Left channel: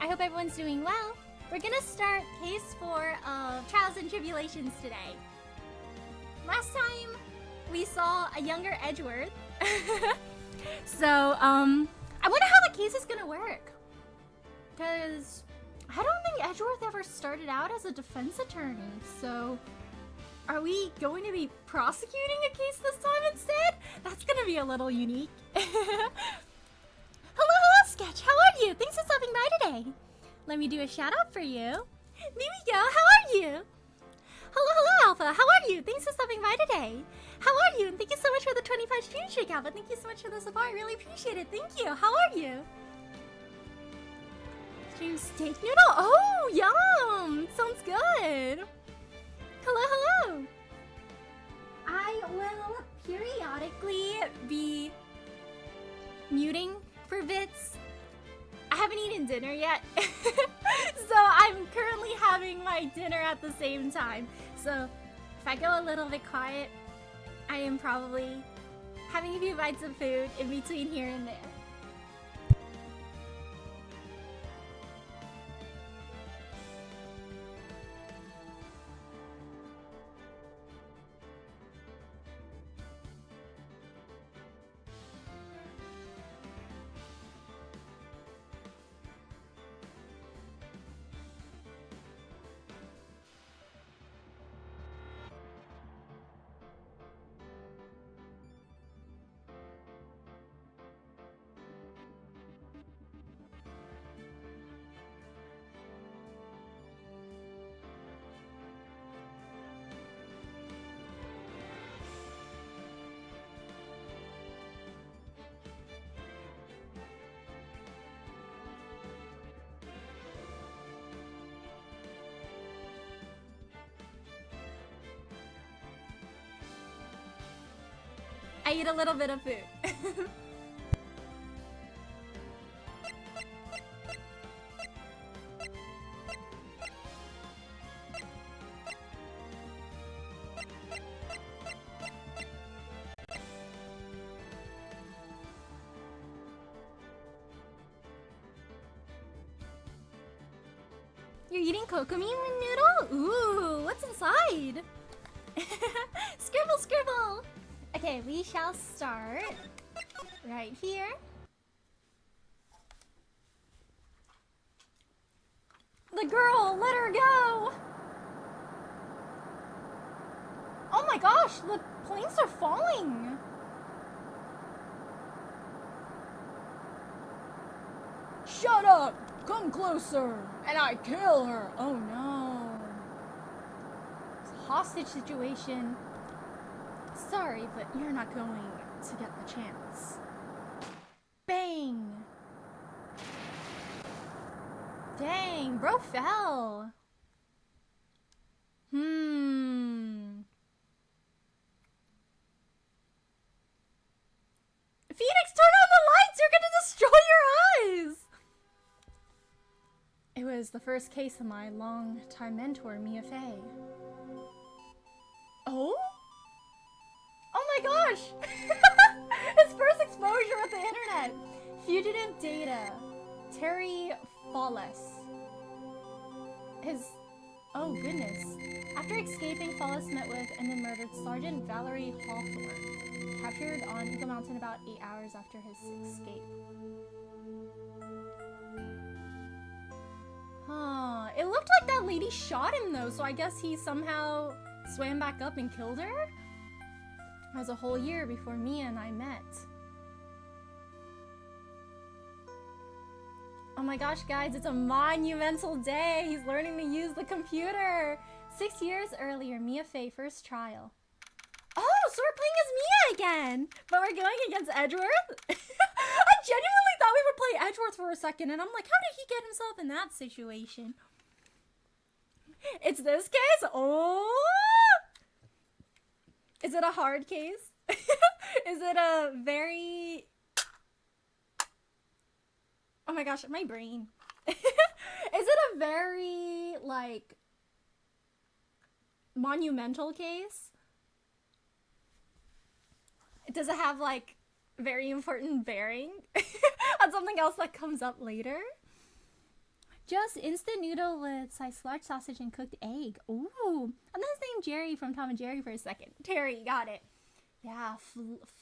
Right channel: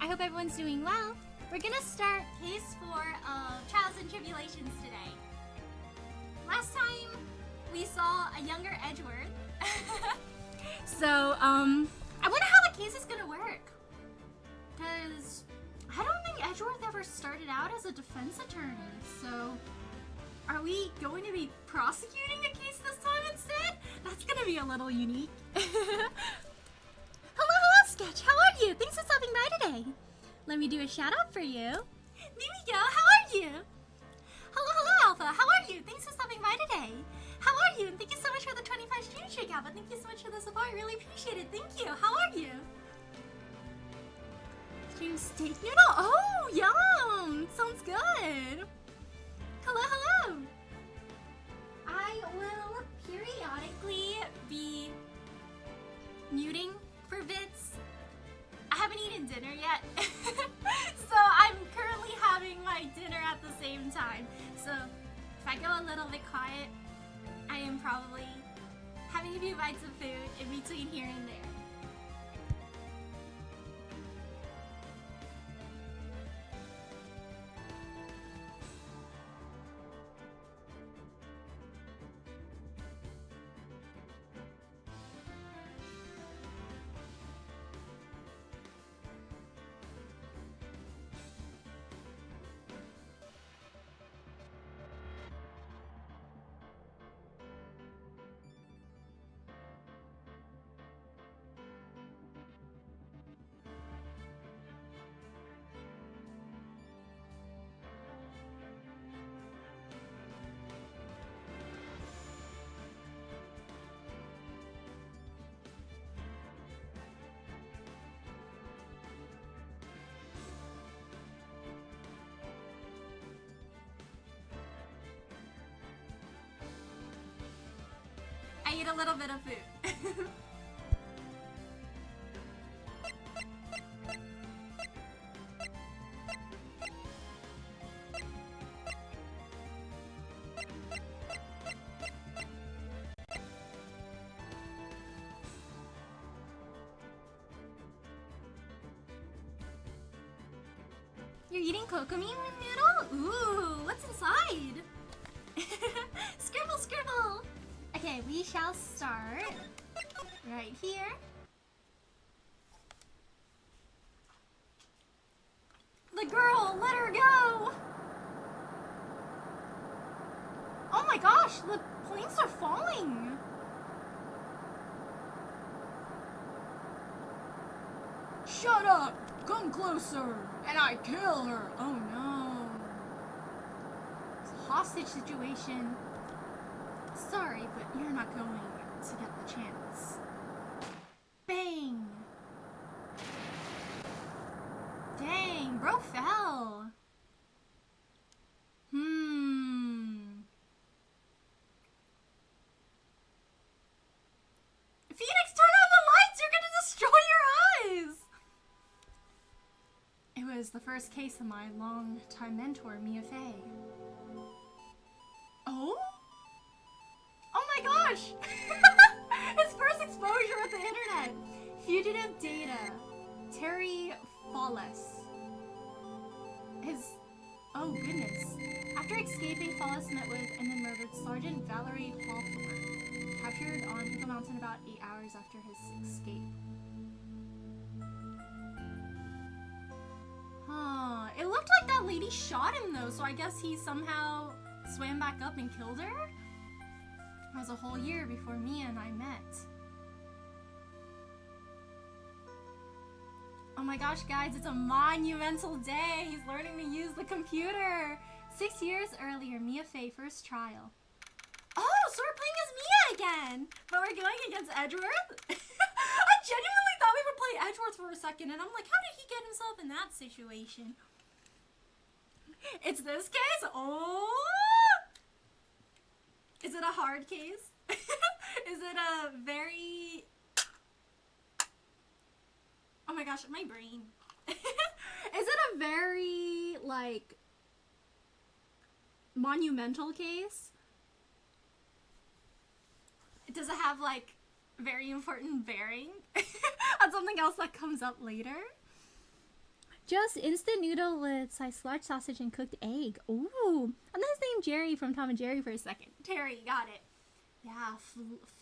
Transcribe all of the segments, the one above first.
I hope everyone's doing well. We're gonna start case 4 of Trials and Tribulations today. Last time we saw a younger Edgeworth. So, I wonder how the case is gonna work. Because I don't think Edgeworth ever started out as a defense attorney, so are we going to be prosecuting a case this time instead? That's gonna be a little unique. Hello, Sketch. How are you? Thanks for stopping by today. Let me do a shout out for you. There we go. How are you? Hello, Alpha. How are you? Thanks for stopping by today. How are you? And thank you so much for the 25 stream shake, Alpha. Thank you so much for the support. I really appreciate it. Thank you. How are you? Stream steak noodle? Oh, yum. Sounds good. Hello. I will periodically be muting for bits. I haven't eaten dinner yet, so I'm currently having my dinner at the same time. So if I go a little bit quiet, I am probably having a few bites of food in between here and there. I eat a little bit of food. You're eating kokomi noodle? Ooh, what's inside? Scribble. Okay, we shall start right here. The girl, let her go! Oh my gosh, the planes are falling! Shut up! Come closer! And I kill her! Oh no. It's a hostage situation. Sorry, but you're not going to get the chance. Bang! Dang, bro fell. Phoenix, turn on the lights! You're gonna destroy your eyes! It was the first case of my long-time mentor, Mia Fey. Oh? Oh my gosh! His first exposure with the internet! Fugitive data. Terry Follis. Oh goodness. After escaping, Follis met with and then murdered Sergeant Valerie Hawthorne. Captured on Eagle Mountain about 8 hours after his escape. Huh. It looked like that lady shot him though, so I guess he somehow swam back up and killed her? That was a whole year before Mia and I met. Oh my gosh, guys, it's a monumental day. He's learning to use the computer. 6 years earlier, Mia Fey first trial. Oh, so we're playing as Mia again. But we're going against Edgeworth? I genuinely thought we would play Edgeworth for a second, and I'm like, how did he get himself in that situation? It's this case? Oh! Is it a hard case? Is it a very... Oh my gosh, my brain. Is it a very, like, monumental case? Does it have, like, very important bearing on something else that comes up later? Just instant noodle with sliced large sausage and cooked egg. Ooh. I'm his name Jerry from Tom and Jerry for a second. Terry, got it. Yeah,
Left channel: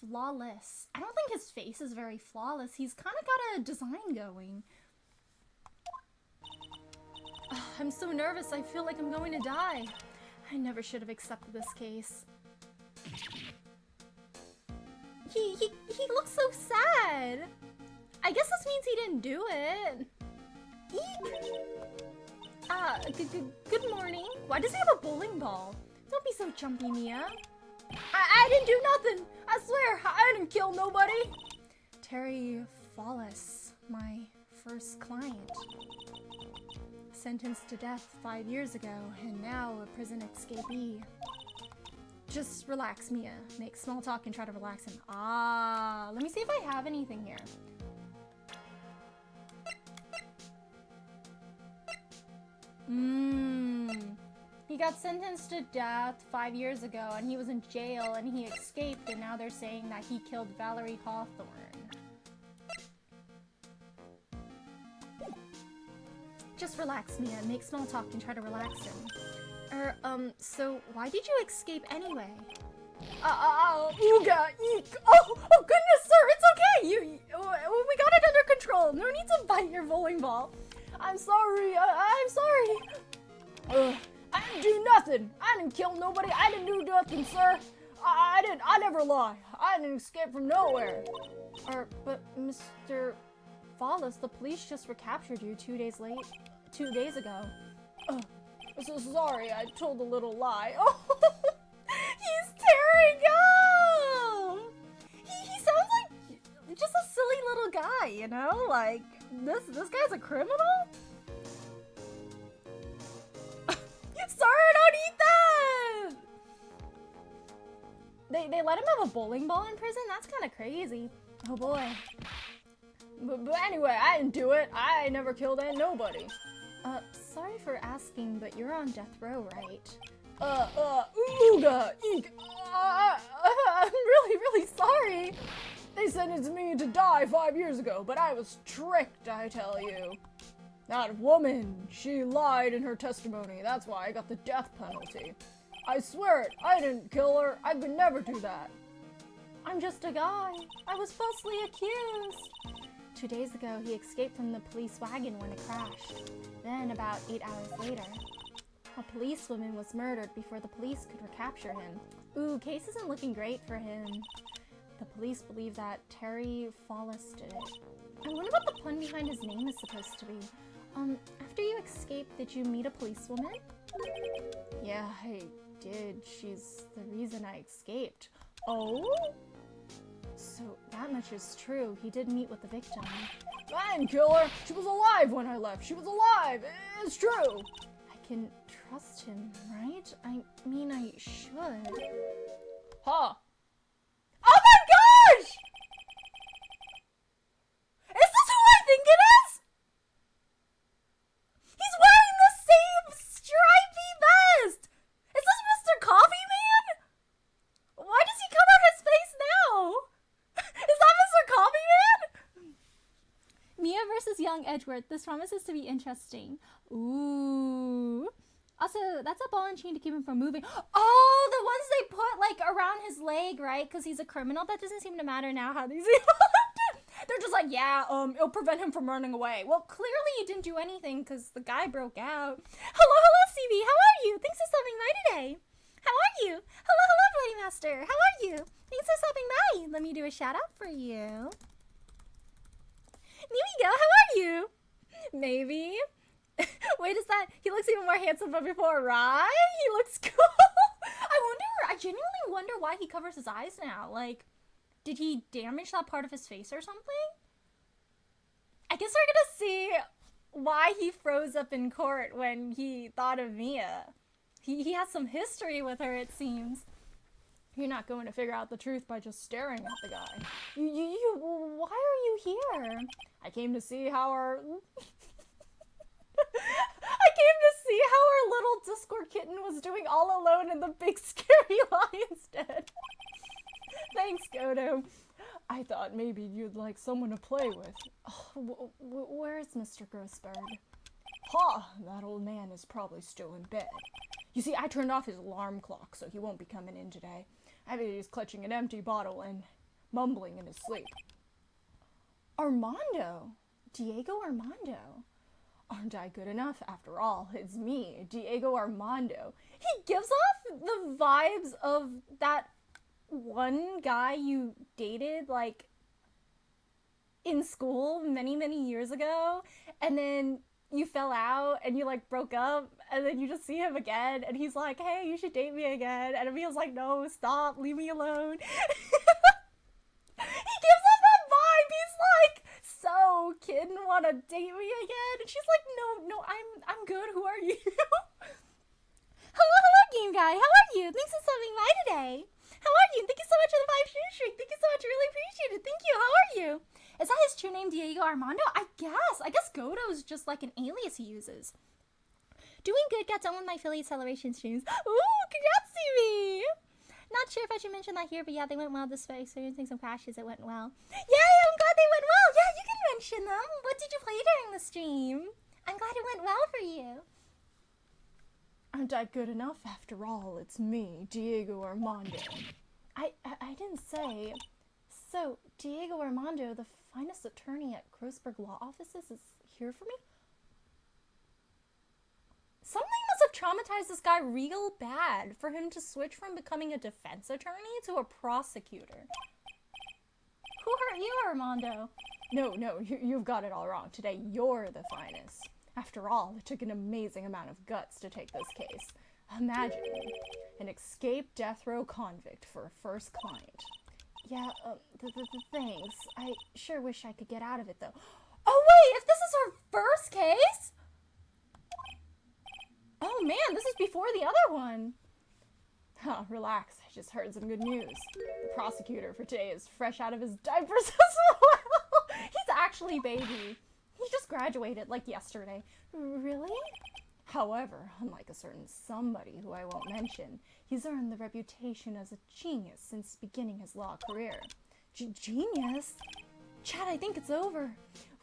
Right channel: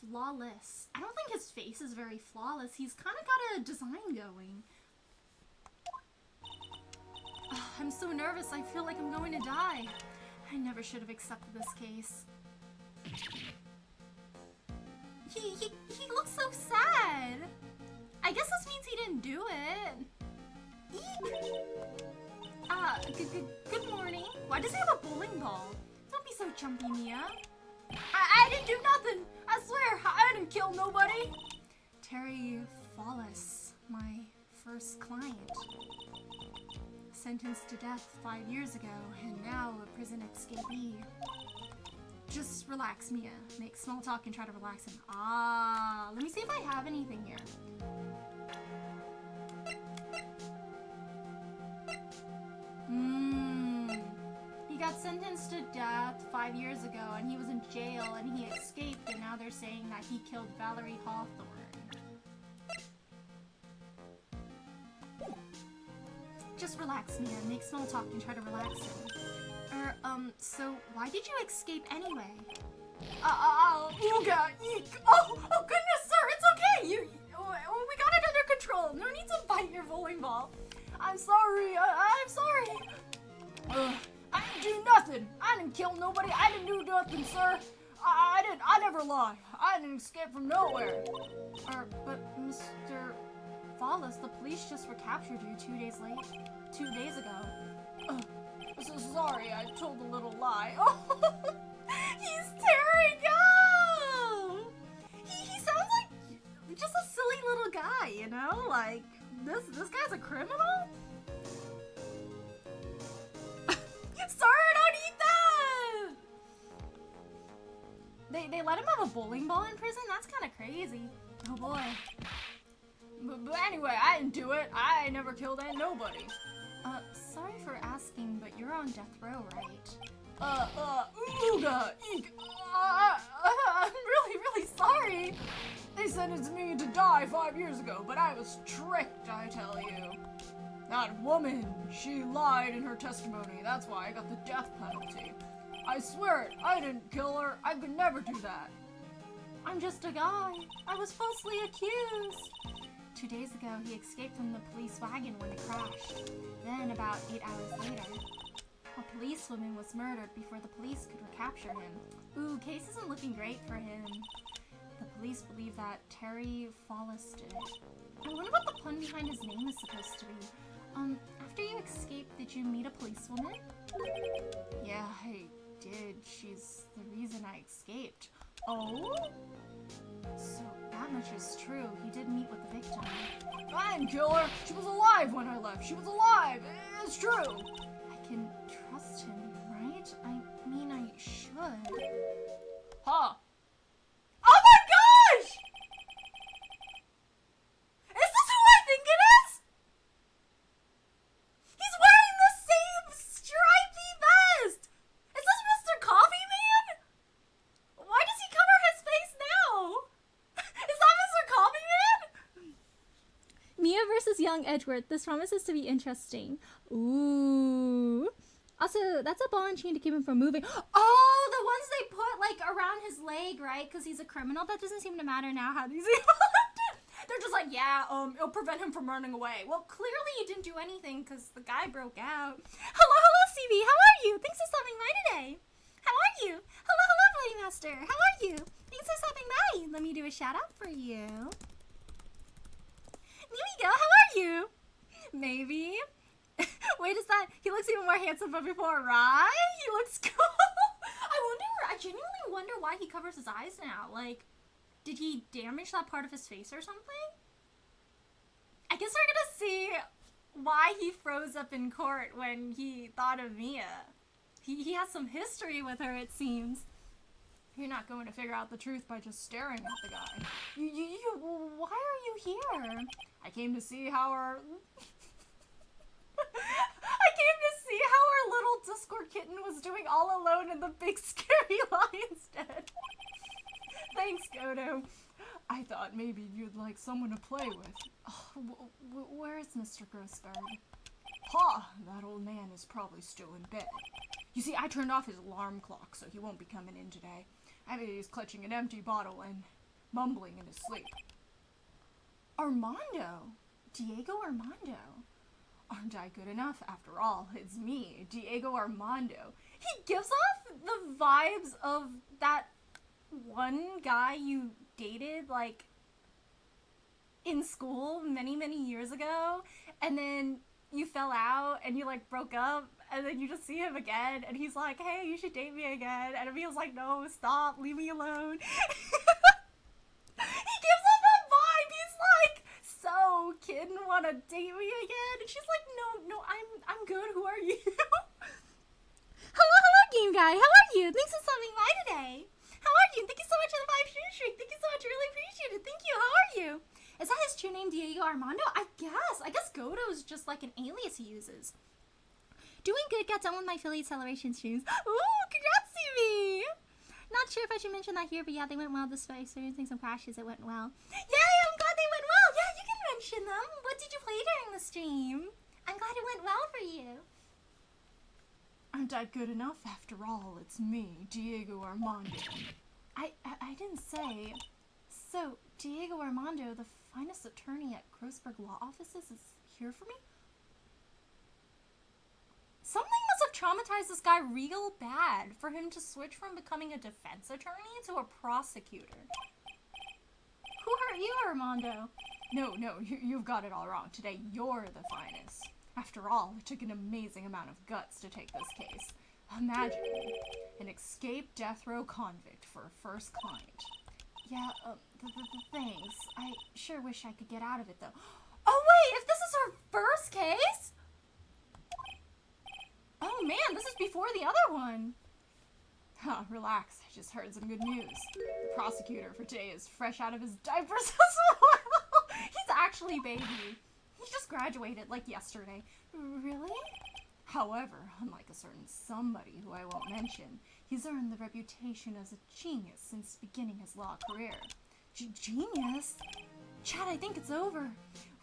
flawless. I don't think his face is very flawless. He's kind of got a design going. I'm so nervous. I feel like I'm going to die. I never should have accepted this case. He looks so sad. I guess this means he didn't do it. Good morning. Why does he have a bowling ball? Don't be so jumpy, Mia. I didn't do nothing. I swear, I didn't kill nobody. Terry Fallis, my first client. Sentenced to death 5 years ago, and now a prison escapee. Just relax, Mia. Make small talk and try to relax him. Let me see if I have anything here. He got sentenced to death 5 years ago, and he was in jail, and he escaped, and now they're saying that he killed Valerie Hawthorne. Just relax, Mia. Make small talk and try to relax him. So why did you escape anyway? Ooga, eek. Oh goodness, sir, it's okay. We got it under control. No need to bite your bowling ball. I'm sorry. I'm sorry. I didn't do nothing. I didn't kill nobody. I didn't do nothing, sir. I never lie. I didn't escape from nowhere. But Mr. Fallis, the police just recaptured you 2 days ago. So sorry, I told a little lie. Oh, he's tearing up. He sounds like just a silly little guy, you know? Like this guy's a criminal. Sorry, don't eat that! They let him have a bowling ball in prison? That's kind of crazy. Oh boy. But anyway, I didn't do it. I never killed nobody. Sorry for asking, but you're on death row, right? Ooga, eek. I'm really sorry. They sentenced me to die 5 years ago, but I was tricked, I tell you. That woman, she lied in her testimony. That's why I got the death penalty. I swear it, I didn't kill her. I could never do that. I'm just a guy. I was falsely accused. 2 days ago, he escaped from the police wagon when it crashed. Then, about 8 hours later, a policewoman was murdered before the police could recapture him. Ooh, case isn't looking great for him. The police believe that Terry Fallis did it. I wonder what the pun behind his name is supposed to be. After you escaped, did you meet a policewoman? Yeah, I did. She's the reason I escaped. Oh? So that much is true. He did meet with the victim. I didn't kill her. She was alive when I left. She was alive. It's true. I can trust him, right? I mean, I should. Huh? Oh my gosh! Is this who I think it is? He's wearing the same stripy vest! Is this Mr. Coffee Man? Why does he cover his face now? Is that Mr. Coffee Man? Mia versus young Edgeworth. This promises to be interesting. Ooh. Also, that's a ball and chain to keep him from moving. Oh, the ones they put, like, around his leg, right? Because he's a criminal. That doesn't seem to matter now how these They're just like, yeah, it'll prevent him from running away. Well, clearly he didn't do anything because the guy broke out. Hello, CB. How are you? Thanks for stopping by today. How are you? Hello, Bloody Master. How are you? Thanks for stopping by. Let me do a shout out for you. Here we go. How are you? Maybe. Wait, is that? He looks even more handsome than before, right? He looks cool. I genuinely wonder why he covers his eyes now. Like, did he damage that part of his face or something? I guess we're gonna see why he froze up in court when he thought of Mia. He has some history with her, it seems. You're not going to figure out the truth by just staring at the guy. Why are you here? I came to see how our... I came to see how our little Discord kitten was doing all alone and the big scary lion's dead. Thanks, Godo. I thought maybe you'd like someone to play with. Oh, where's Mr. Grossberg? Ha! That old man is probably still in bed. You see, I turned off his alarm clock, so he won't be coming in today. I bet he's clutching an empty bottle and mumbling in his sleep. Armando! Diego Armando! Aren't I good enough? After all, it's me, Diego Armando. He gives off the vibes of that one guy you dated, like, in school many, many years ago, and then you fell out, and you, like, broke up, and then you just see him again, and he's like, hey, you should date me again, and Emil's like, no, stop, leave me alone. He gives off that vibe. He's like, so, kid, wanna date me again? And she's like, no, I'm good. Who are you? Hello, game guy. How are you? Thanks for stopping by today. How are you? Thank you so much for the 5 shoe streak. Thank you so much. Really appreciate it. Thank you. How are you? Is that his true name, Diego Armando? I guess Godo is just like an alias he uses. Doing good. Got done with my affiliate celebration streams. Ooh, congrats to me. Not sure if I should mention that here, but yeah, they went well despite experiencing some crashes. It went well. Yay, I'm glad they went well. Yeah, you can mention them. What did you play during the stream? I'm glad it went well for you. Aren't I good enough? After all, it's me, Diego Armando. I didn't say. So, Diego Armando, the finest attorney at Grossberg Law Offices, is here for me? Something must have traumatized this guy real bad for him to switch from becoming a defense attorney to a prosecutor. Who hurt you, Armando? No, you've got it all wrong. Today, you're the finest. After all, it took an amazing amount of guts to take this case. Imagine an escaped death row convict for a first client. Yeah, thanks. I sure wish I could get out of it, though. Oh, wait, if this is her first case? Oh, man, this is before the other one. Huh, relax. I just heard some good news. The prosecutor for today is fresh out of his diapers as well. He's actually baby. He just graduated, like, yesterday. Really? However, unlike a certain somebody who I won't mention, he's earned the reputation as a genius since beginning his law career. Genius? Chad, I think it's over.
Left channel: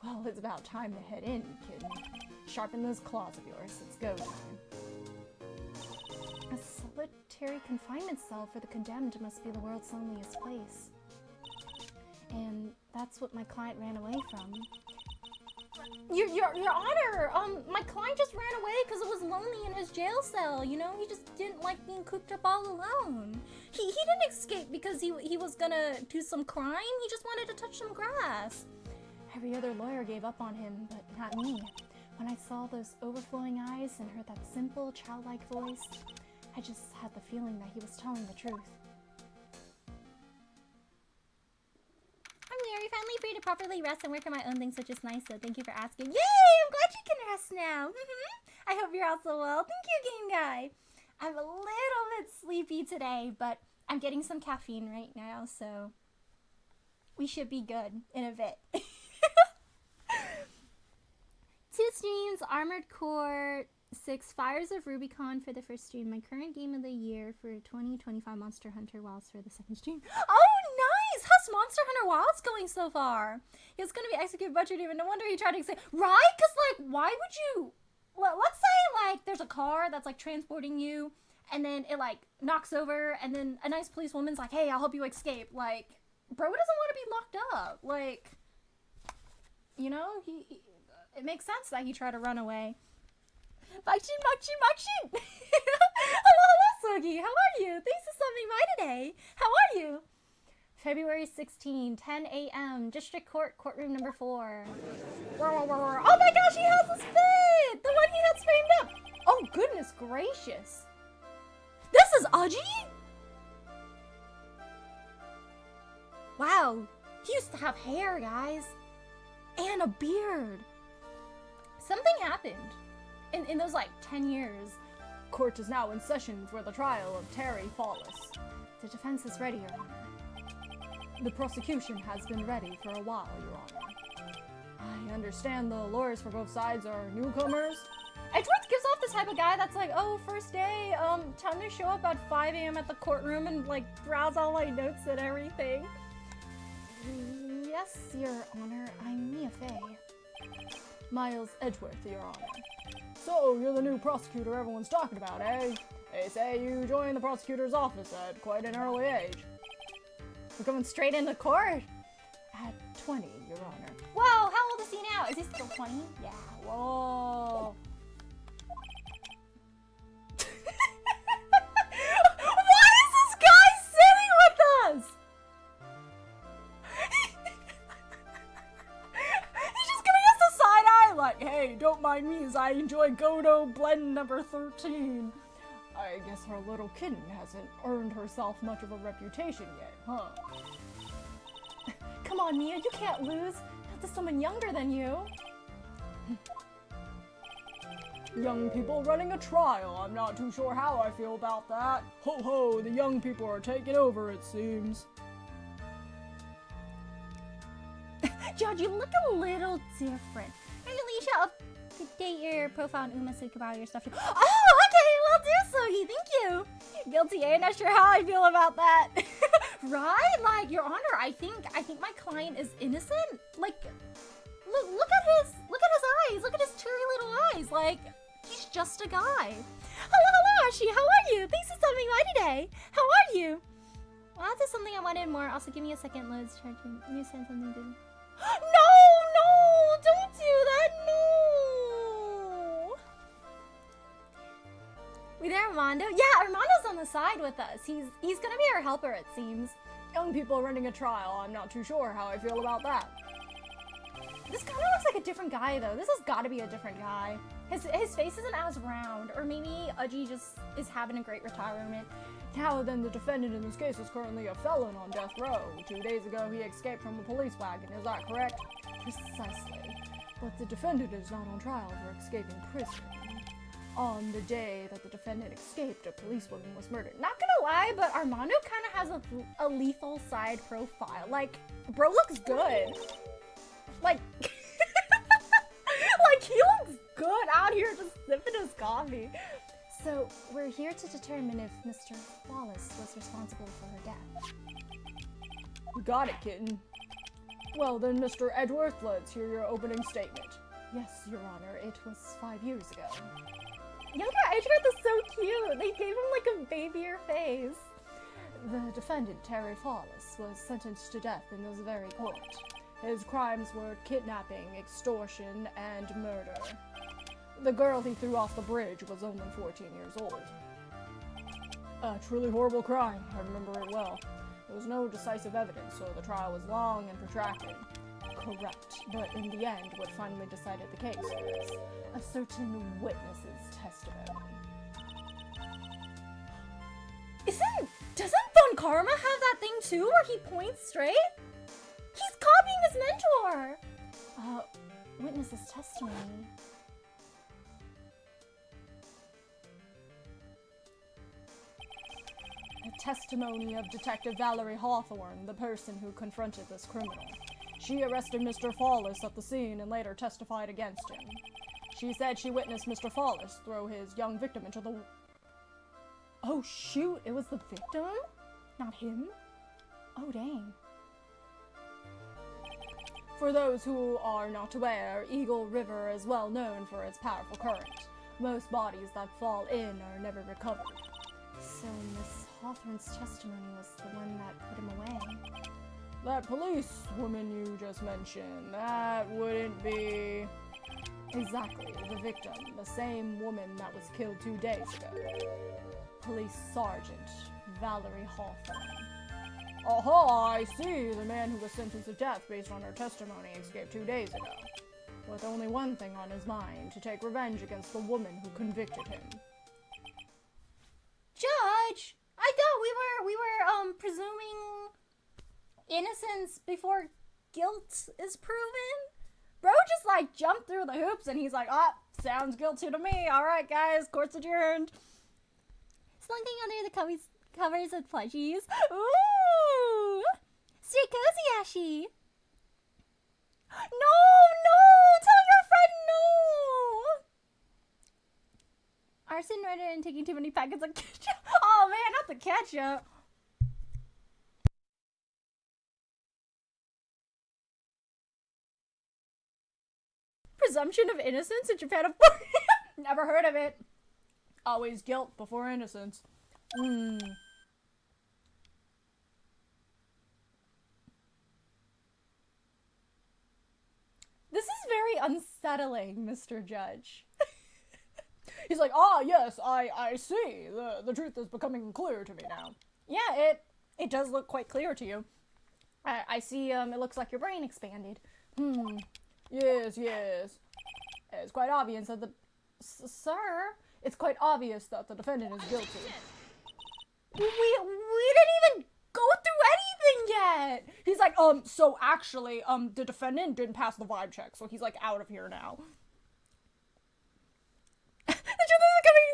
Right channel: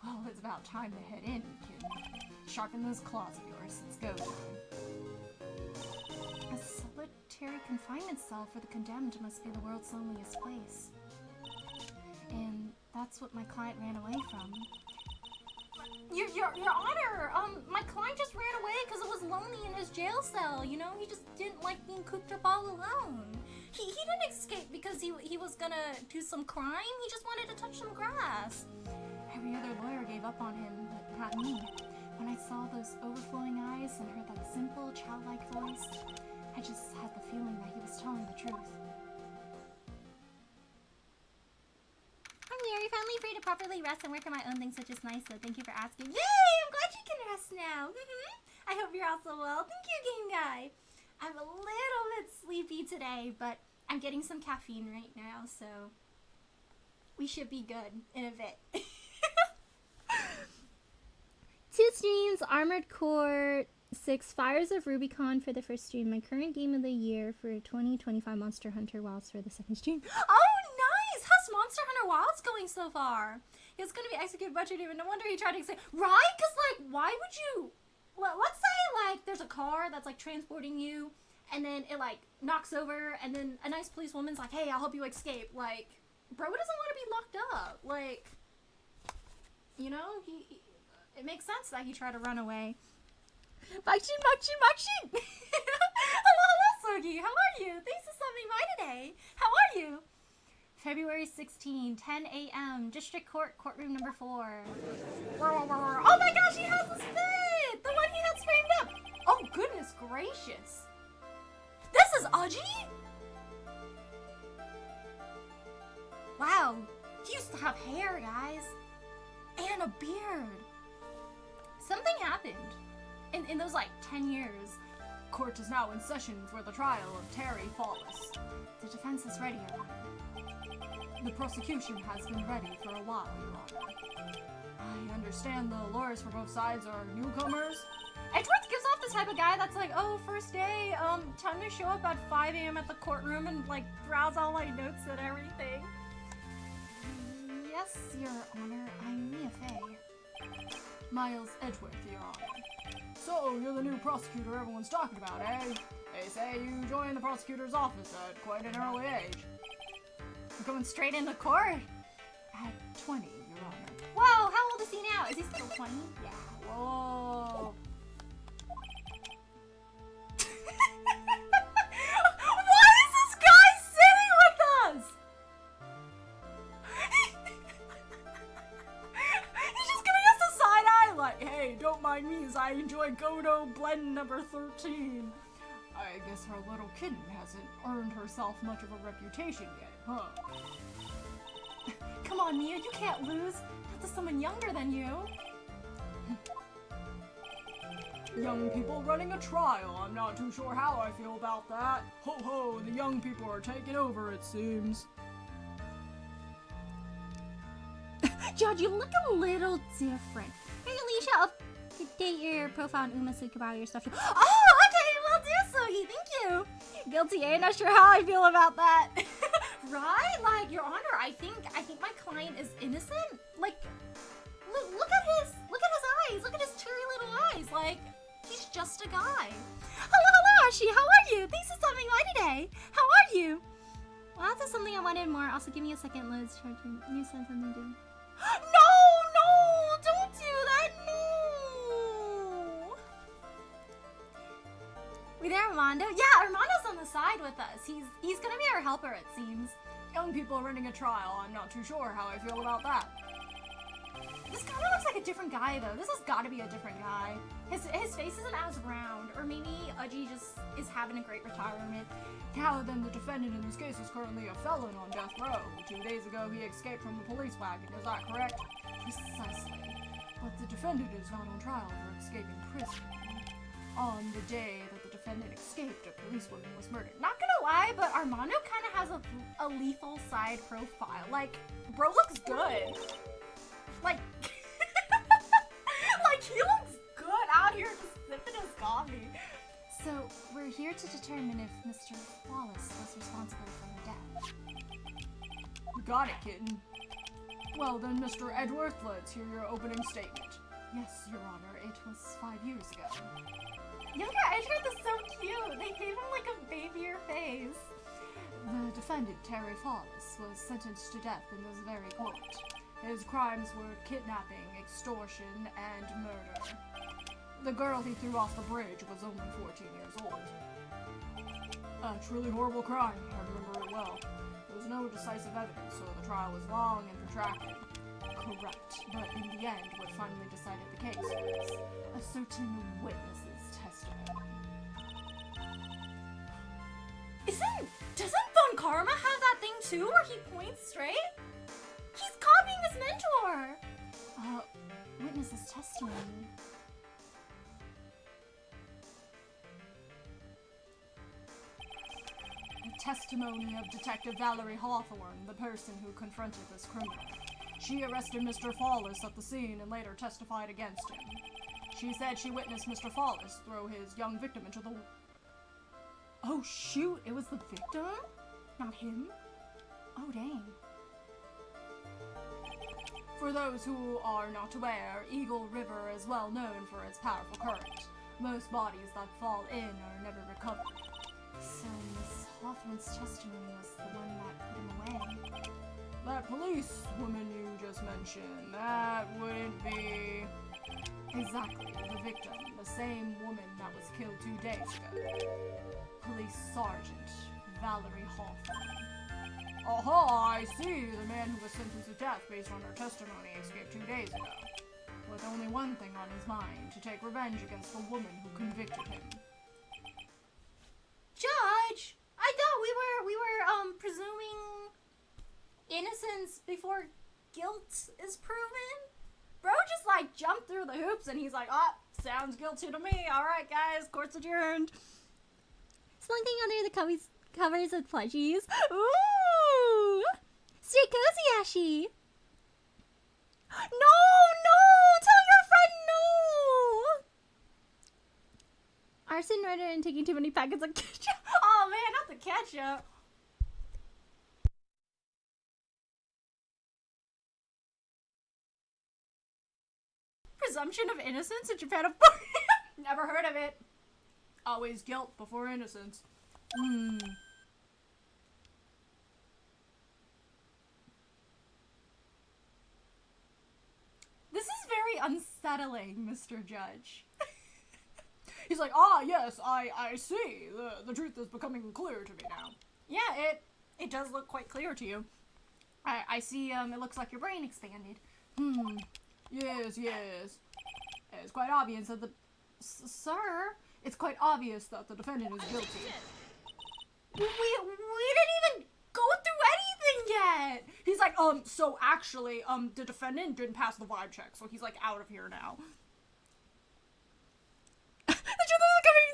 Well, it's about time to head in, kid. Sharpen those claws of yours. Let's go time. A solitary confinement cell for the condemned must be the world's loneliest place. And that's what my client ran away from. Your Honor, my client just ran away because it was lonely in his jail cell, you know? He just didn't like being cooped up all alone. He didn't escape because he was gonna do some crime. He just wanted to touch some grass. Every other lawyer gave up on him, but not me. When I saw those overflowing eyes and heard that simple, childlike voice, I just had the feeling that he was telling the truth. I'm very finally free to properly rest and work on my own things, which is nice, so thank you for asking. Yay! I'm glad you can rest now. I hope you're also well. Thank you, Game Guy. I'm a little bit sleepy today, but I'm getting some caffeine right now, so we should be good in a bit. 2 streams, Armored Core 6, Fires of Rubicon for the first stream. My current game of the year for 2025 Monster Hunter Wilds for the second stream. Oh, nice! How's Monster Hunter Wilds going so far? He was going to be executed by Judy, but no wonder he tried to say, right? Because, like, why would you... Let's say, like, there's a car that's, like, transporting you, and then it, like, knocks over, and then a nice policewoman's like, hey, I'll help you escape. Like, bro doesn't want to be locked up. Like, you know, it makes sense that he tried to run away. Makshin! Hello, Sogi. How are you? Thanks for stopping by today. How are you? February 16, 10 a.m. District Court, courtroom number 4. Oh my gosh, he has a spit! The one he had framed up. Oh, goodness gracious. This is Aji? Wow. He used to have hair, guys. And a beard. Something happened in those, like, 10 years. Court is now in session for the trial of Terry Fallis. The defense is ready, Your Honor. The prosecution has been ready for a while, Your Honor. I understand the lawyers for both sides are newcomers. Edgeworth gives off the type of guy that's like, oh, first day, time to show up at 5 a.m. at the courtroom and, like, browse all my notes and everything. Yes, Your Honor, I'm Mia Fey. Miles Edgeworth, Your Honor. So, you're the new prosecutor everyone's talking about, eh? They say you joined the prosecutor's office at quite an early age. We're going straight into court. At 20, Your Honor. Whoa, how old is he now? Is he still 20? Yeah, whoa. Why is this guy sitting with us? He's just giving us a side eye like, hey, don't mind me as I enjoy Godo blend number 13. I guess her little kitten hasn't earned herself much of a reputation yet, huh? Come on, Mia, you can't lose. Not to someone younger than you. Young people running a trial. I'm not too sure how I feel about that. Ho ho, the young people are taking over, it seems. Judge, you look a little different. Hey, Alicia, update your profile on Uma so you can borrow your stuff. Oh, okay, we'll do so. Thank you. Guilty, eh? Not sure how I feel about that. Right? Like, Your Honor, I think my client is innocent. Like, look at his eyes. Look at his cherry little eyes. Like, he's just a guy. Hello, Archie. How are you? Thanks for stopping by today. How are you? Well, that's something I wanted more. Also, give me a second. Loads charging. You said something to. No, don't do that. No. We there, Armando? Yeah, Armando's on the side with us. He's gonna be our helper, it seems. Young people running a trial. I'm not too sure how I feel about that. This kind of looks like a different guy, though. This has got to be a different guy. His face isn't as round, or maybe Udgy just is having a great retirement. Now then, the defendant in this case is currently a felon on death row. 2 days ago, he escaped from a police wagon. Is that correct? Precisely. But the defendant is not on trial for escaping prison. On the day that the defendant escaped, a policewoman was murdered. Not gonna lie, but Armando kind of has a lethal side profile. Like, bro looks good. Like, like he looks good out here just sipping his coffee. So, we're here to determine if Mr. Wallace was responsible for her death. You got it, kitten. Well then, Mr. Edgeworth, let's hear your opening statement. Yes, Your Honor, it was 5 years ago. Younger Edgeworth is so cute. They gave him like a babyer face. The defendant, Terry Wallace, was sentenced to death in this very court. His crimes were kidnapping, extortion, and murder. The girl he threw off the bridge was only 14 years old. A truly horrible crime, I remember it well. There was no decisive evidence, so the trial was long and protracted. Correct, but in the end, what finally decided the case was a certain witness's testimony. Doesn't Von Karma have that thing too, where he points straight? He's copying his mentor! Witness's testimony. The testimony of Detective Valerie Hawthorne, the person who confronted this criminal. She arrested Mr. Wallace at the scene and later testified against him. She said she witnessed Mr. Wallace throw his young victim into the... Oh shoot, it was the victim? Not him? Oh dang. For those who are not aware, Eagle River is well known for its powerful current. Most bodies that fall in are never recovered. So Miss Hawthorne's testimony was the one that put him away. That police woman you just mentioned, that wouldn't be... Exactly, the victim, the same woman that was killed 2 days ago. Police Sergeant Valerie Hawthorne. Aha, I see. The man who was sentenced to death based on her testimony escaped 2 days ago. With only one thing on his mind, to take revenge against the woman who convicted him. Judge! I thought we were presuming innocence before guilt is proven? Bro just like jumped through the hoops and he's like, ah, sounds guilty to me. Alright guys, court's adjourned. Something under the covers with plushies. Ooh! Stay cozy, Ashi! No! Tell your friend no! Arson, murder, and taking too many packets of ketchup. Oh man, not the ketchup. Presumption of innocence in Japan of never Never heard of it. Always guilt before innocence. This is very unsettling, Mr. Judge. He's like, ah, yes, I see. The truth is becoming clear to me now. Yeah, it does look quite clear to you. I see, it looks like your brain expanded. Yes. It's quite obvious that Sir, it's quite obvious that the defendant is guilty. We didn't even go through anything yet! He's like, so actually, the defendant didn't pass the vibe check, so he's, like, out of here now. The truth is coming.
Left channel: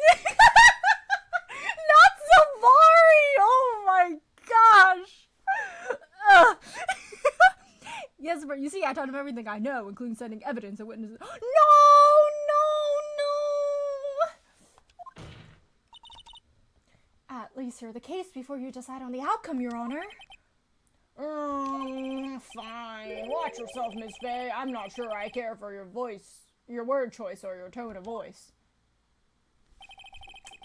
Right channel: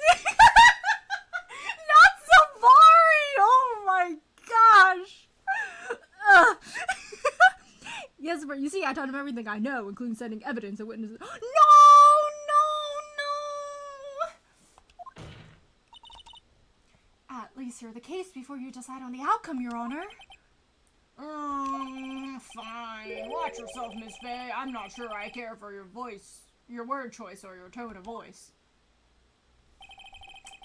Not Savari! Oh my gosh! Yes, but you see, I told him everything I know, including sending evidence and witnesses. No! At least hear the case before you decide on the outcome, Your Honor. Fine. Watch yourself, Miss Faye. I'm not sure I care for your voice, your word choice, or your tone of voice.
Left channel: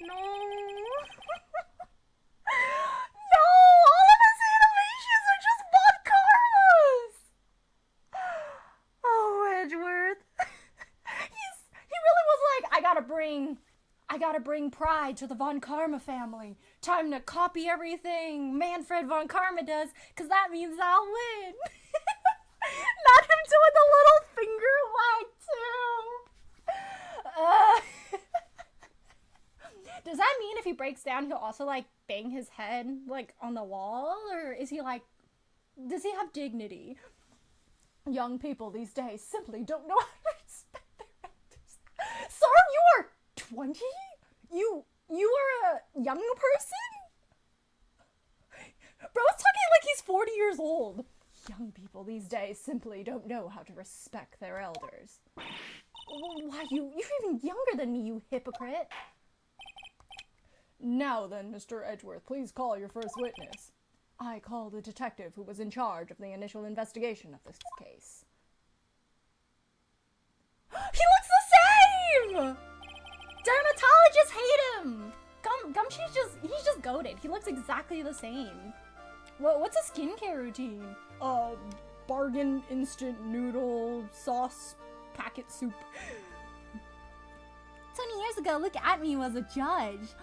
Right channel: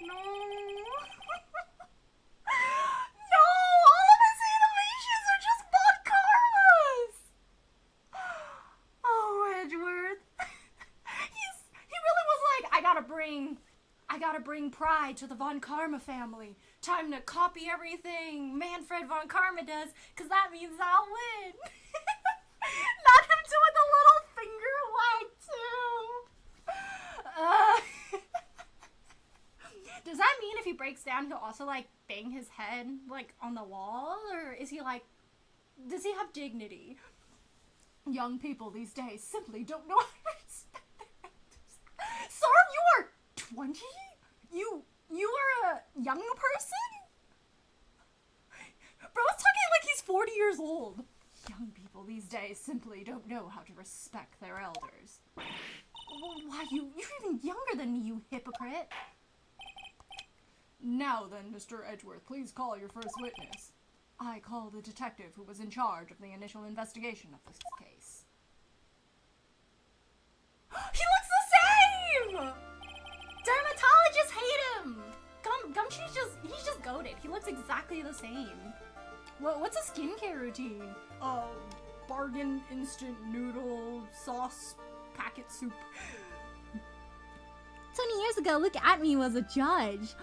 No. No! All of his animations are just Von Karmas! Oh, Edgeworth. He really was like, I gotta bring pride to the Von Karma family. Time to copy everything Manfred Von Karma does, cause that means I'll win. Not him doing the little finger wag too. Does that mean if he breaks down, he'll also like bang his head like on the wall, or is he like? Does he have dignity? Young people these days simply don't know how to respect their elders. Sir, you are 20? You are a young person? Bro's talking like he's 40 years old. Young people these days simply don't know how to respect their elders. Why, you're even younger than me, you hypocrite. Now then, Mr. Edgeworth, please call your first witness. I call the detective who was in charge of the initial investigation of this case. He looks the same! Dermatologists hate him! He's just goated. He looks exactly the same. What's a skincare routine? Bargain instant noodle sauce packet soup. 20 years ago, look at me as a judge.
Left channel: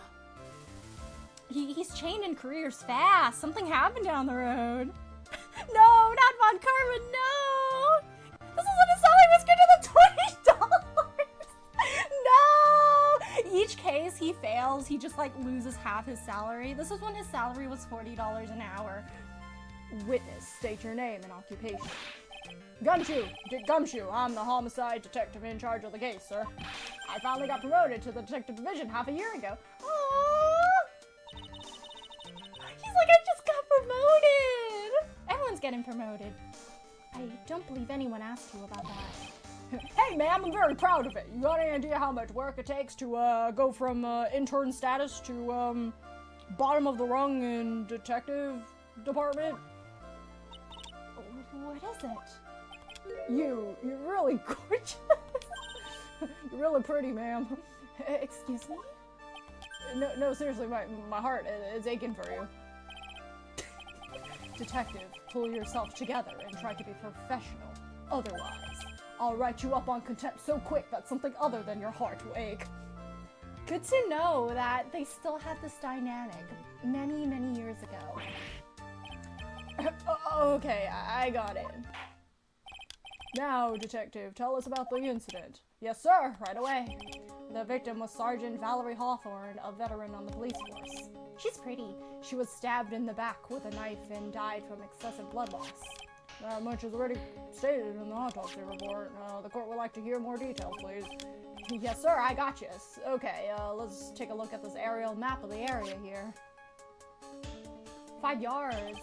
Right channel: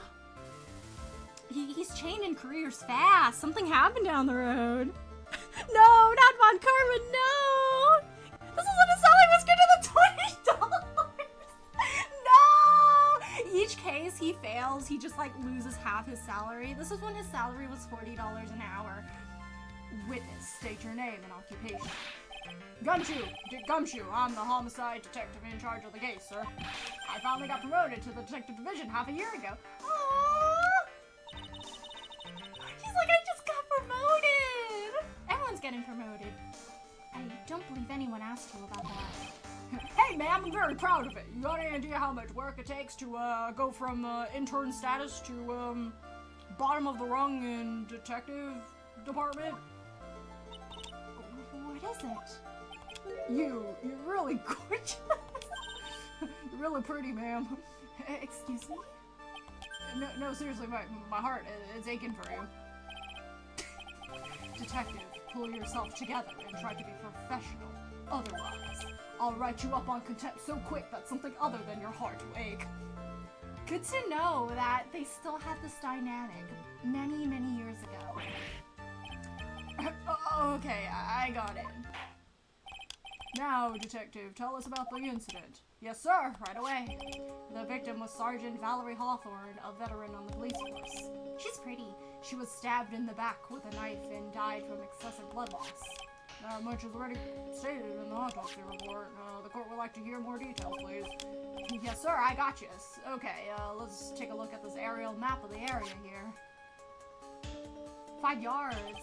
He's changing careers fast. Something happened down the road. No, not Von Karma, no! This is what his salary was good to the $20! No! Each case he fails, he just like loses half his salary. This is when his salary was $40 an hour. Witness, state your name and occupation. Gumshoe, I'm the homicide detective in charge of the case, sir. I finally got promoted to the detective division half a year ago. Aww! He's like, I just got promoted! Everyone's getting promoted. I don't believe anyone asked you about that. Hey, ma'am, I'm very proud of it. You got any idea how much work it takes to go from intern status to bottom of the rung in detective department? What is it? You're really gorgeous. You're really pretty, ma'am. Excuse me? No, seriously, my heart is aching for you. Detective, pull yourself together and try to be professional. Otherwise, I'll write you up on contempt so quick that something other than your heart will ache. Good to know that they still had this dynamic many, many years ago. Okay, I got it. Now, detective, tell us about the incident. Yes, sir, right away. The victim was Sergeant Valerie Hawthorne, a veteran on the police force. She's pretty. She was stabbed in the back with a knife and died from excessive blood loss. That much is already stated in the autopsy report. The court would like to hear more details, please. Yes, sir, I got you. Okay, let's take a look at this aerial map of the area here. 5 yards.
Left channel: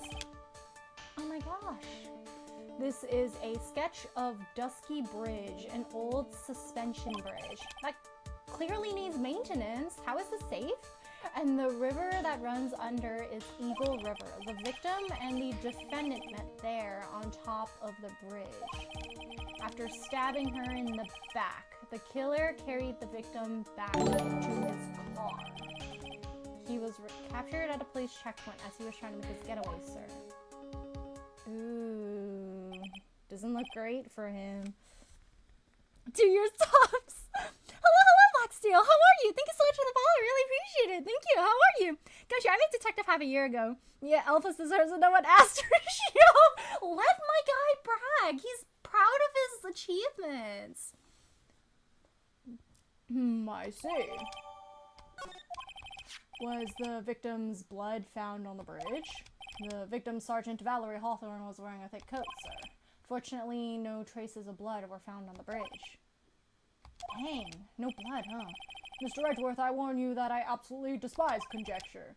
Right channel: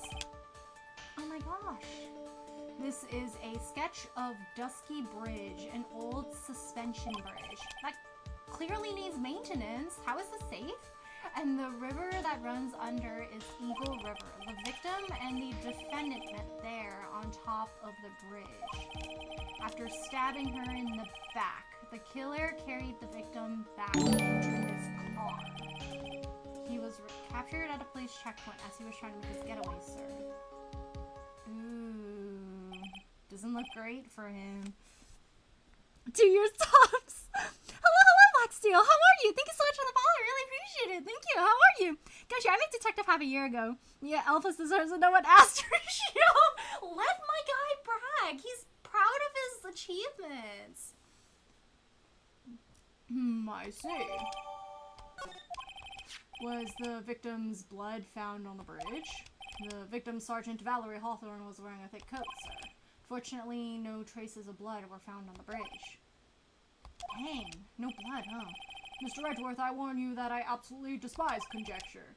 Oh my gosh. This is a sketch of Dusky Bridge, an old suspension bridge. That clearly needs maintenance. How is this safe? And the river that runs under is Eagle River. The victim and the defendant met there on top of the bridge. After stabbing her in the back, the killer carried the victim back to his car. He was captured at a police checkpoint as he was trying to make his getaway, sir. Ooh, doesn't look great for him. Do your subs. Hello, Foxtail. How are you? Thank you so much for the follow. Really appreciate it. Thank you. How are you? Gosh, I made Detective half a year ago. Yeah, Alphys deserves a no one asked ratio. Let my guy brag. He's proud of his achievements. I see. Was the victim's blood found on the bridge? The victim, Sergeant Valerie Hawthorne, was wearing a thick coat, sir. Fortunately, no traces of blood were found on the bridge. Dang, no blood, huh? Mr. Edgeworth, I warn you that I absolutely despise conjecture.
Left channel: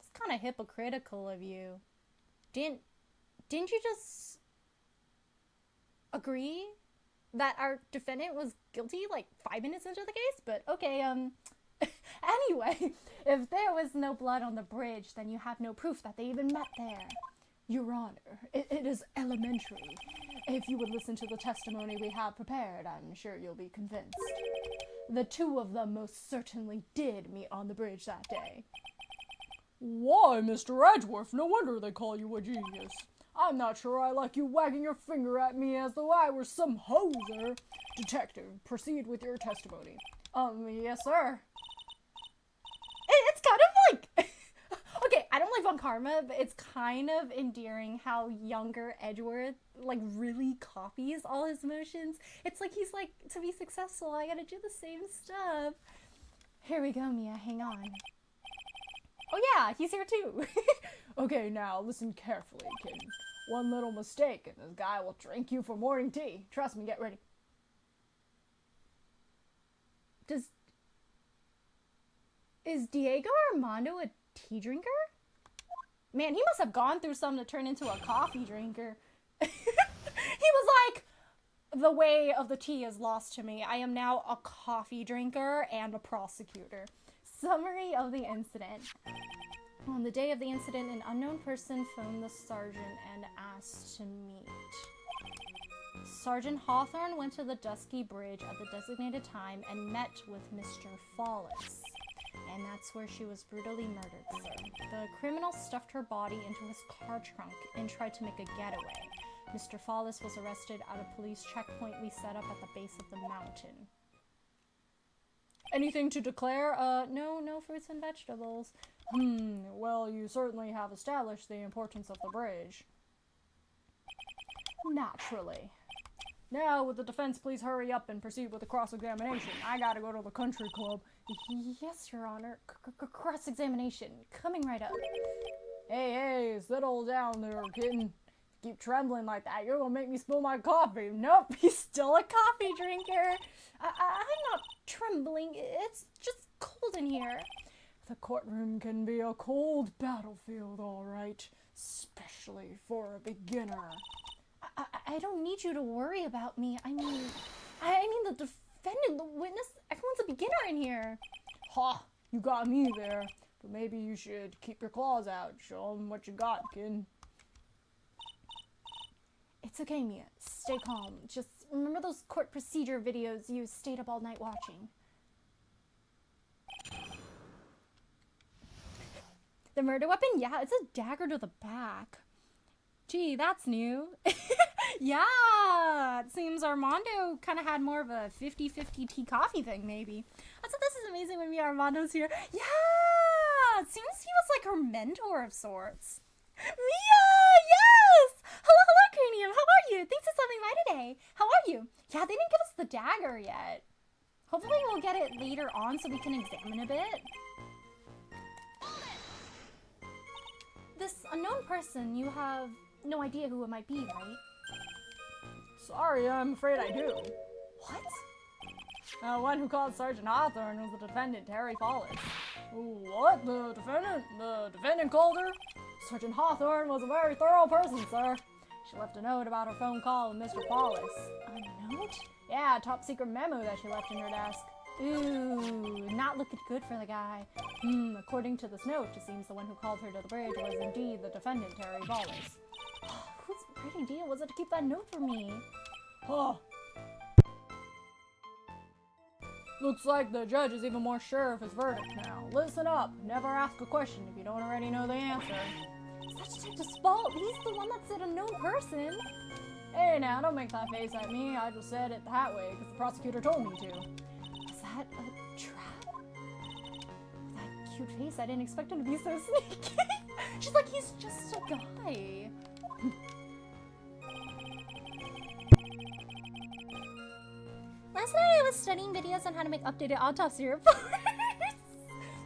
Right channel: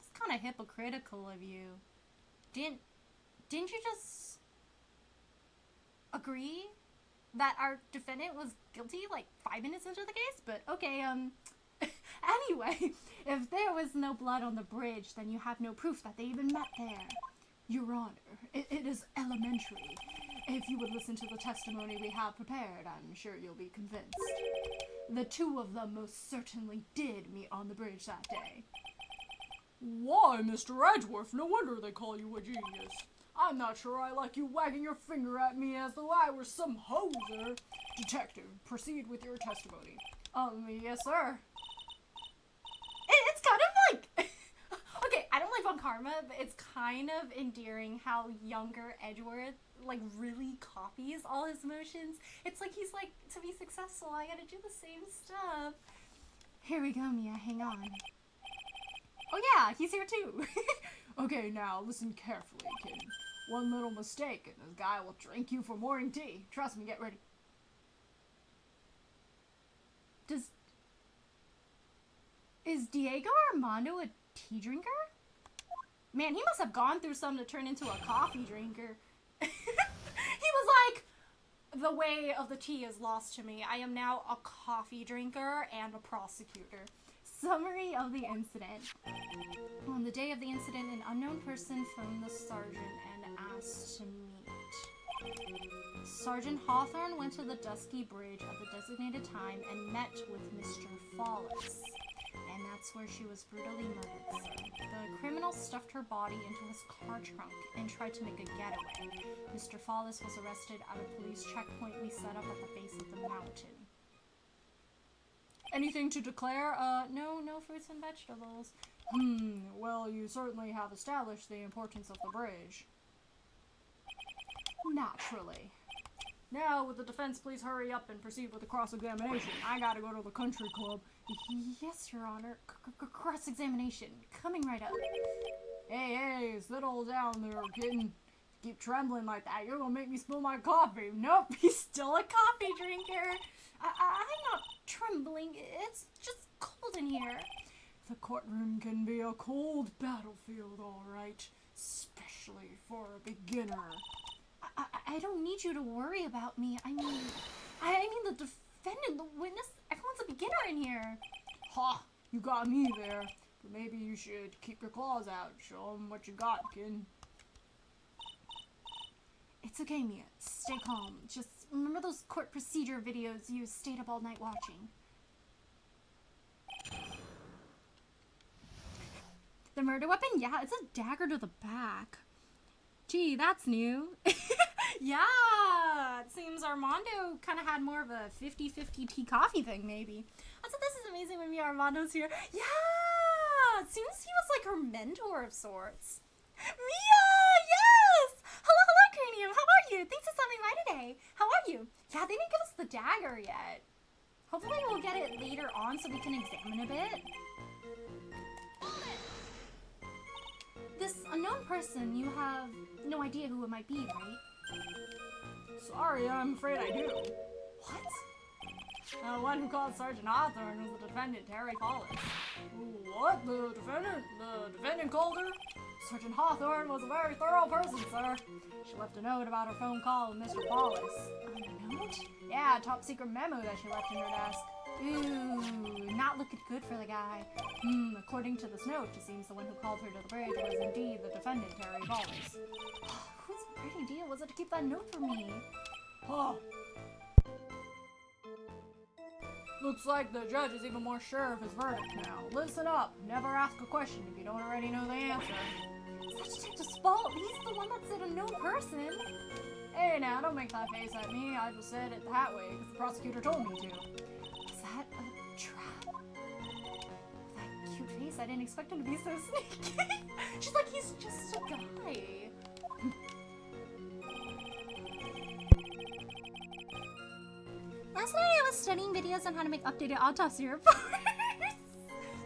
It's kind of hypocritical of you. Didn't you just agree that our defendant was guilty like 5 minutes into the case? But okay, anyway, if there was no blood on the bridge, then you have no proof that they even met there. Your Honor, it is elementary. If you would listen to the testimony we have prepared, I'm sure you'll be convinced. The two of them most certainly did meet on the bridge that day. Why, Mr. Edgeworth, no wonder they call you a genius. I'm not sure I like you wagging your finger at me as though I were some hoser. Detective, proceed with your testimony. Yes, sir. It's kind of like... Okay, I don't live on karma, but it's kind of endearing how younger Edgeworth, like, really copies all his emotions. It's like he's like, to be successful, I gotta do the same stuff. Here we go, Mia, hang on. Oh yeah, he's here too. Okay, now listen carefully, kid. One little mistake and this guy will drink you for morning tea. Trust me, get ready. Is Diego Armando a tea drinker? Man, he must have gone through something to turn into a coffee drinker. He was like, the way of the tea is lost to me. I am now a coffee drinker and a prosecutor. Summary of the incident. On the day of the incident, an unknown person phoned the sergeant and asked to meet. Sergeant Hawthorne went to the Dusky Bridge at the designated time and met with Mr. Follis. And that's where she was brutally murdered, sir. The criminal stuffed her body into his car trunk and tried to make a getaway. Mr. Follis was arrested at a police checkpoint we set up at the base of the mountain. Anything to declare? No fruits and vegetables. Well, you certainly have established the importance of the bridge. Naturally. Now, would the defense please hurry up and proceed with the cross-examination? I gotta go to the country club. Yes, Your Honor. Cross-examination. Coming right up. Hey, settle down there, kitten. Keep trembling like that, you're gonna make me spill my coffee. Nope, He's still a coffee drinker. I'm not trembling. It's just cold in here. The courtroom can be a cold battlefield, all right. Especially for a beginner. I don't need you to worry about me. I mean the defendant, the witness, everyone's a beginner in here. Ha! You got me there. But maybe you should keep your claws out. Show them what you got, kid. It's okay, Mia. Stay calm. Just remember those court procedure videos you stayed up all night watching. The murder weapon? Yeah, it's a dagger to the back. Gee, that's new. Yeah, it seems Armando kind of had more of a 50-50 tea coffee thing, maybe. Also, this is amazing when Armando's here. Yeah, it seems he was like her mentor of sorts. Mia, yes! Hello, Cranium, how are you? Thanks for stopping by today. How are you? Yeah, they didn't give us the dagger yet. Hopefully we'll get it later on so we can examine a bit. This unknown person, you have no idea who it might be, right? Sorry, I'm afraid I do. What? The one who called Sergeant Hawthorne was the defendant, Terry Follis. What? The defendant? The defendant called her? Sergeant Hawthorne was a very thorough person, sir. She left a note about her phone call with Mr. Follis. A note? Yeah, a top secret memo that she left in her desk. Ooh, not looking good for the guy. According to this note, it seems the one who called her to the bridge was indeed the defendant, Terry Wallace. Whose great idea was it to keep that note for me? Huh. Looks like the judge is even more sure of his verdict now. Listen up. Never ask a question if you don't already know the answer. Such Detective's fault. He's the one that said a no person. Hey, now, don't make that face at me. I just said it that way because the prosecutor told me to. Is that a trap? With that cute face, I didn't expect him to be so sneaky. She's like, he's just a guy. Last night I was studying videos on how to make updated autopsy reports.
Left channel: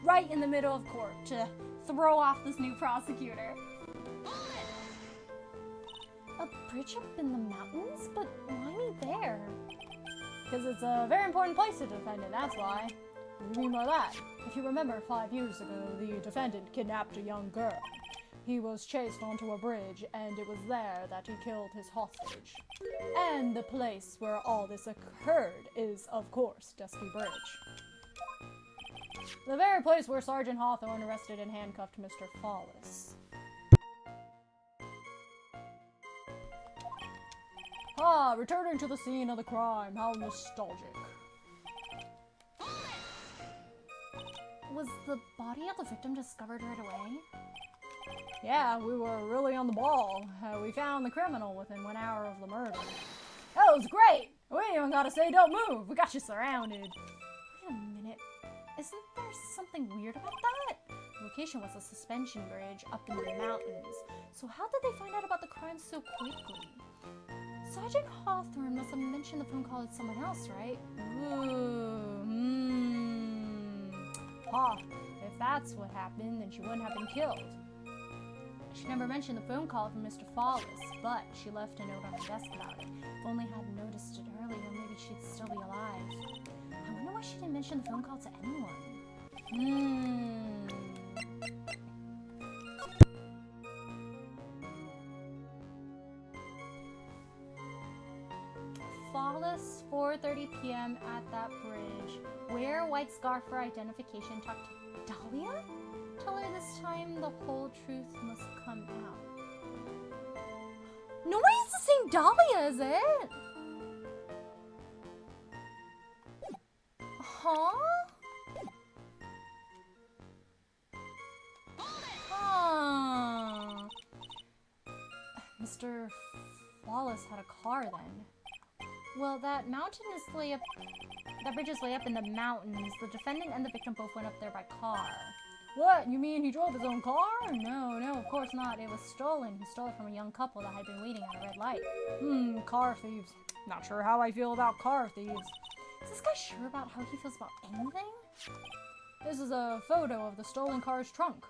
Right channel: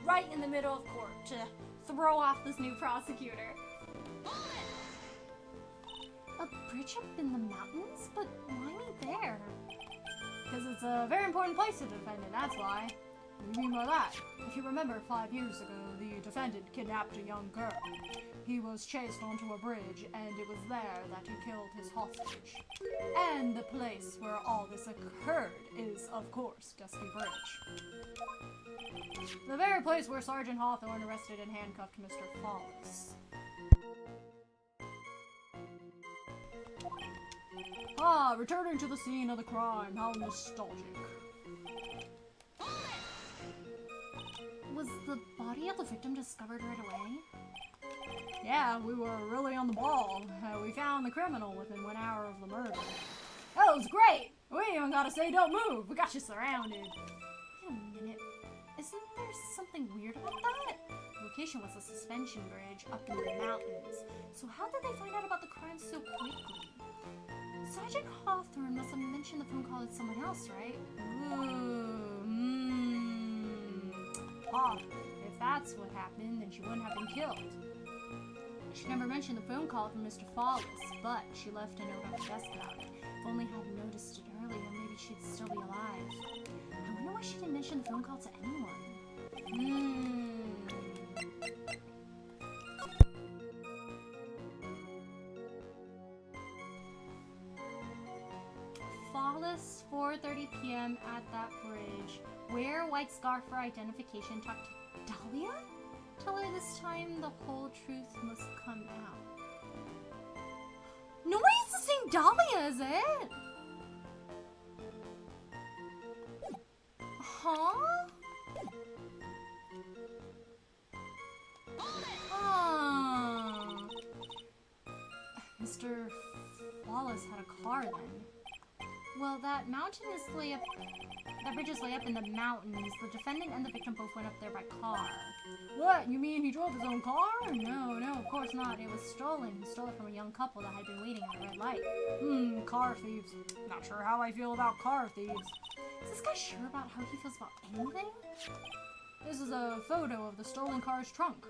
Right in the middle of court to throw off this new prosecutor. A bridge up in the mountains? But why me there? Because it's a very important place to defend it, that's why. What do you mean by that? If you remember, 5 years ago, the defendant kidnapped a young girl. He was chased onto a bridge, and it was there that he killed his hostage. And the place where all this occurred is, of course, Dusty Bridge. The very place where Sergeant Hawthorne arrested and handcuffed Mr. Follis. Ah, returning to the scene of the crime, how nostalgic. Was the body of the victim discovered right away? Yeah, we were really on the ball. We found the criminal within 1 hour of the murder. That was great! We ain't even gotta say don't move, we got you surrounded. Wait a minute. Isn't there something weird about that? The location was a suspension bridge up in the mountains. So how did they find out about the crime so quickly? Sergeant Hawthorne must have mentioned the phone call with someone else, right? Ah, if that's what happened, then she wouldn't have been killed. She never mentioned the phone call from Mr. Follis, but she left a note on her desk about it. If only I'd noticed it earlier, maybe she'd still be alive. I wonder why she didn't mention the phone call to anyone. Follis, 4:30 p.m. at that bridge. Wear a white scarf for identification. Talk to Dahlia? Tell her this time the whole truth must come out. Nobody's the same Dahlia, is it? Huh? Mr. Wallace had a car then. Well, that bridge is way up in the mountains. The defendant and the victim both went up there by car. What? You mean he drove his own car? No, of course not. It was stolen. He stole it from a young couple that had been waiting at a red light. Car thieves. Not sure how I feel about car thieves. Is this guy sure about how he feels about anything? This is a photo of the stolen car's trunk.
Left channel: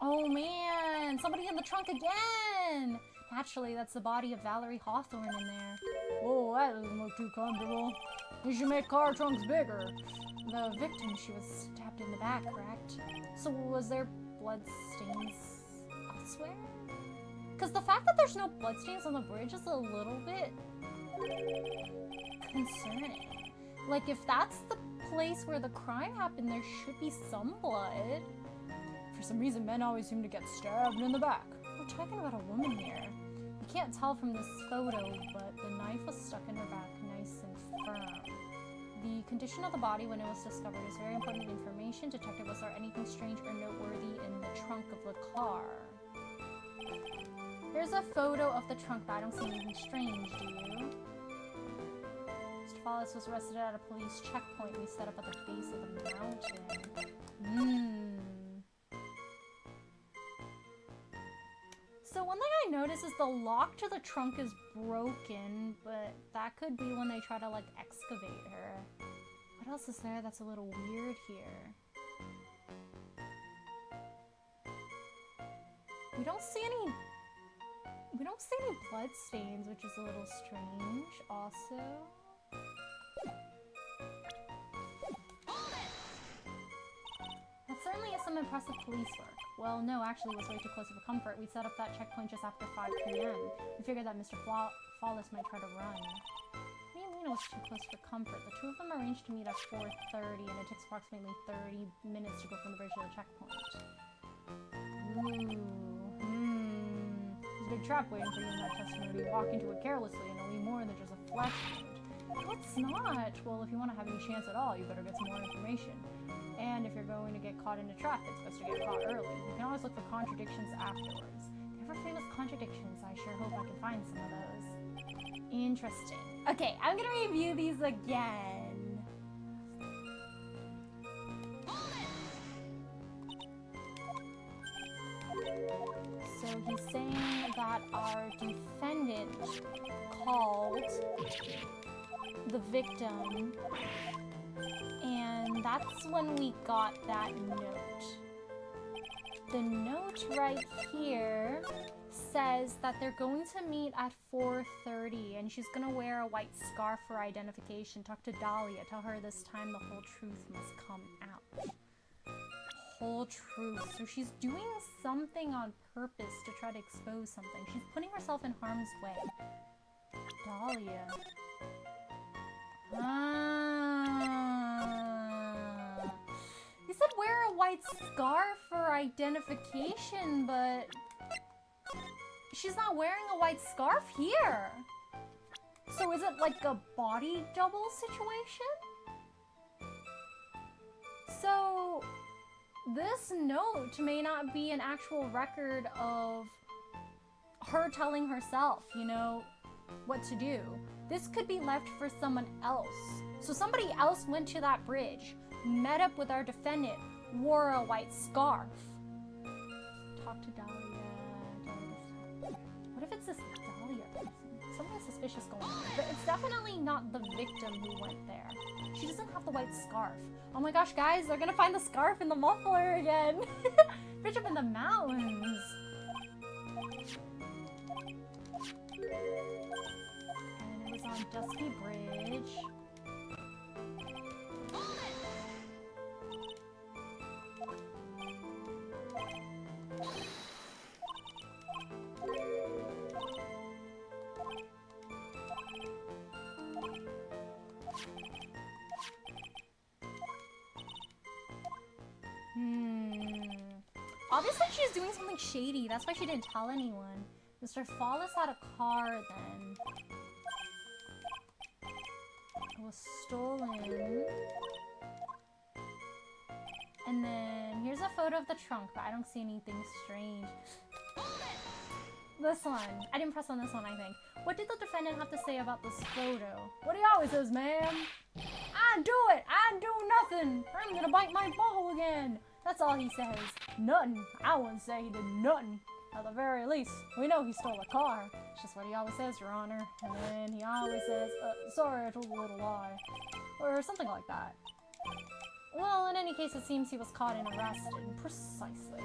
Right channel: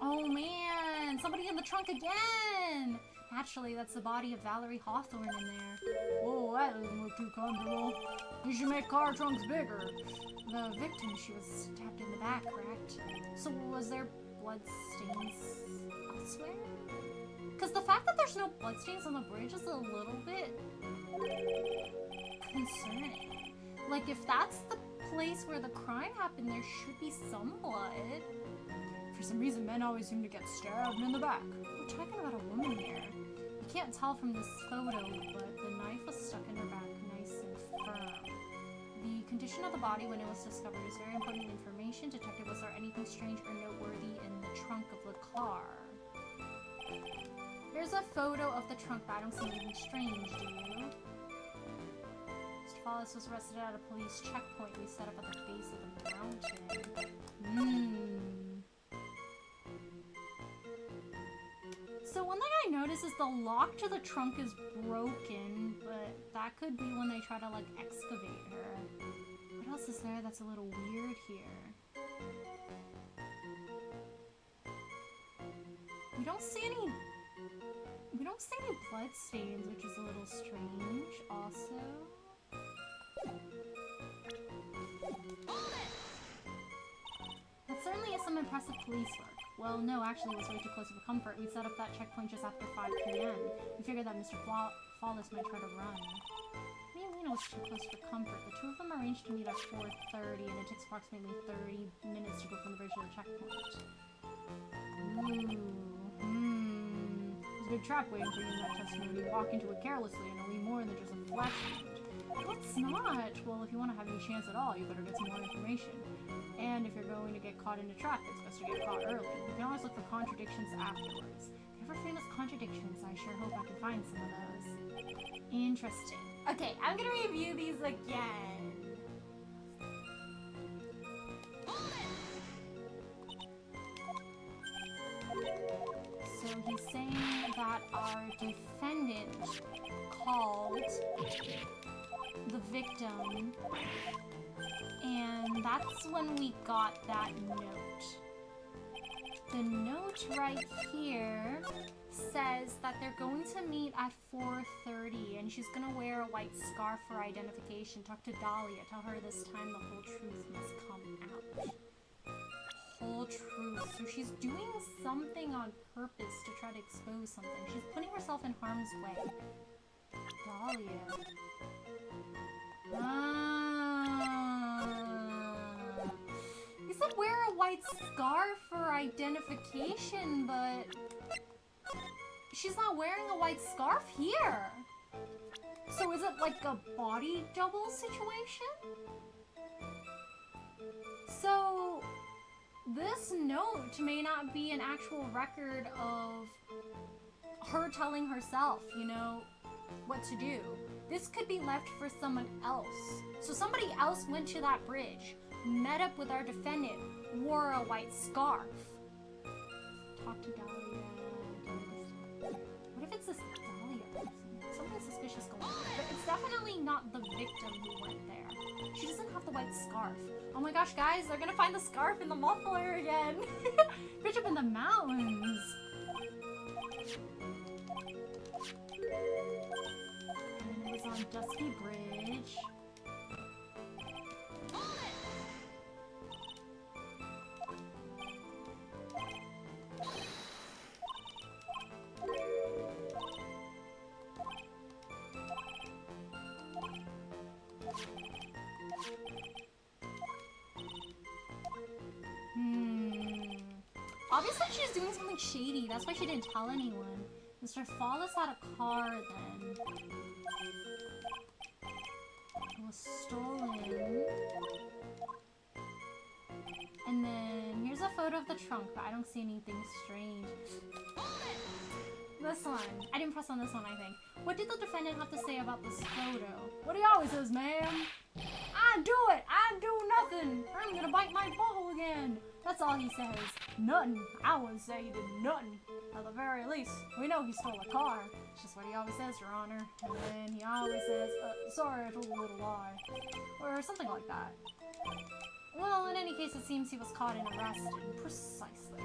Oh man, somebody in the trunk again! Naturally, that's the body of Valerie Hawthorne in there. Oh, that doesn't look too comfortable. You should make car trunks bigger. The victim, she was stabbed in the back, correct? So was there blood stains elsewhere? Because the fact that there's no blood stains on the bridge is a little bit concerning. Like, if that's the place where the crime happened, there should be some blood. For some reason, men always seem to get stabbed in the back. We're talking about a woman here. You can't tell from this photo, but the knife was stuck in her back, nice and firm. The condition of the body when it was discovered is very important information. Detective, was there anything strange or noteworthy in the trunk of the car? Here's a photo of the trunk, but I don't see anything strange, do you? Mr. Follis was arrested at a police checkpoint we set up at the base of the mountain. So one thing I noticed is the lock to the trunk is broken, but that could be when they try to, like, excavate her. What else is there that's a little weird here? We don't see any blood stains, which is a little strange also. That certainly is some impressive police work. Well, no, actually, it was way too close for comfort. We set up that checkpoint just after 5 p.m. We figured that Mr. Follis might try to run. What do you mean was too close for comfort. The two of them arranged to meet at 4:30, and it takes approximately 30 minutes to go from the bridge to the checkpoint. Ooh. There's a big trap waiting for you in that testimony. You walk into it carelessly, and it'll be more than just a flesh wound. No, it's not. Well, if you want to have any chance at all, you better get some more information. And if you're going to get caught in a trap, it's best to get caught early. You can always look for contradictions afterwards. Ever famous contradictions? I sure hope I can find some of those. Interesting. Okay, I'm gonna review these again. So he's saying that our defendant called the victim, and that's when we got that note. The note right here says that they're going to meet at 4:30, and she's gonna wear a white scarf for identification. Talk to Dahlia. Tell her this time the whole truth must come out. Whole truth. So she's doing something on purpose to try to expose something. She's putting herself in harm's way. Dahlia. He said wear a white scarf for identification, but she's not wearing a white scarf here. So is it like a body double situation? So this note may not be an actual record of her telling herself, you know, what to do. This could be left for someone else. So somebody else went to that bridge, met up with our defendant, wore a white scarf. Talk to Dahlia. What if it's this Dahlia person? Something suspicious going on. But it's definitely not the victim who went there. She doesn't have the white scarf. Oh my gosh, guys, they're gonna find the scarf in the muffler again. Bridge up in the mountains. And it was on Dusky Bridge. Obviously she's doing something shady. That's why she didn't tell anyone. Mr. Fallis had a car then. It was stolen. And then here's a photo of the trunk, but I don't see anything strange. This one. I didn't press on this one, I think. What did the defendant have to say about this photo? What he always says, ma'am. I do it! I do nothing! I'm gonna bite my bubble again! That's all he says. Nothing. I wouldn't say he did nothing. At the very least, we know he stole a car. It's just what he always says, Your Honor. And then he always says, sorry, I told a little lie. Or something like that. Well, in any case, it seems he was caught and arrested. Precisely.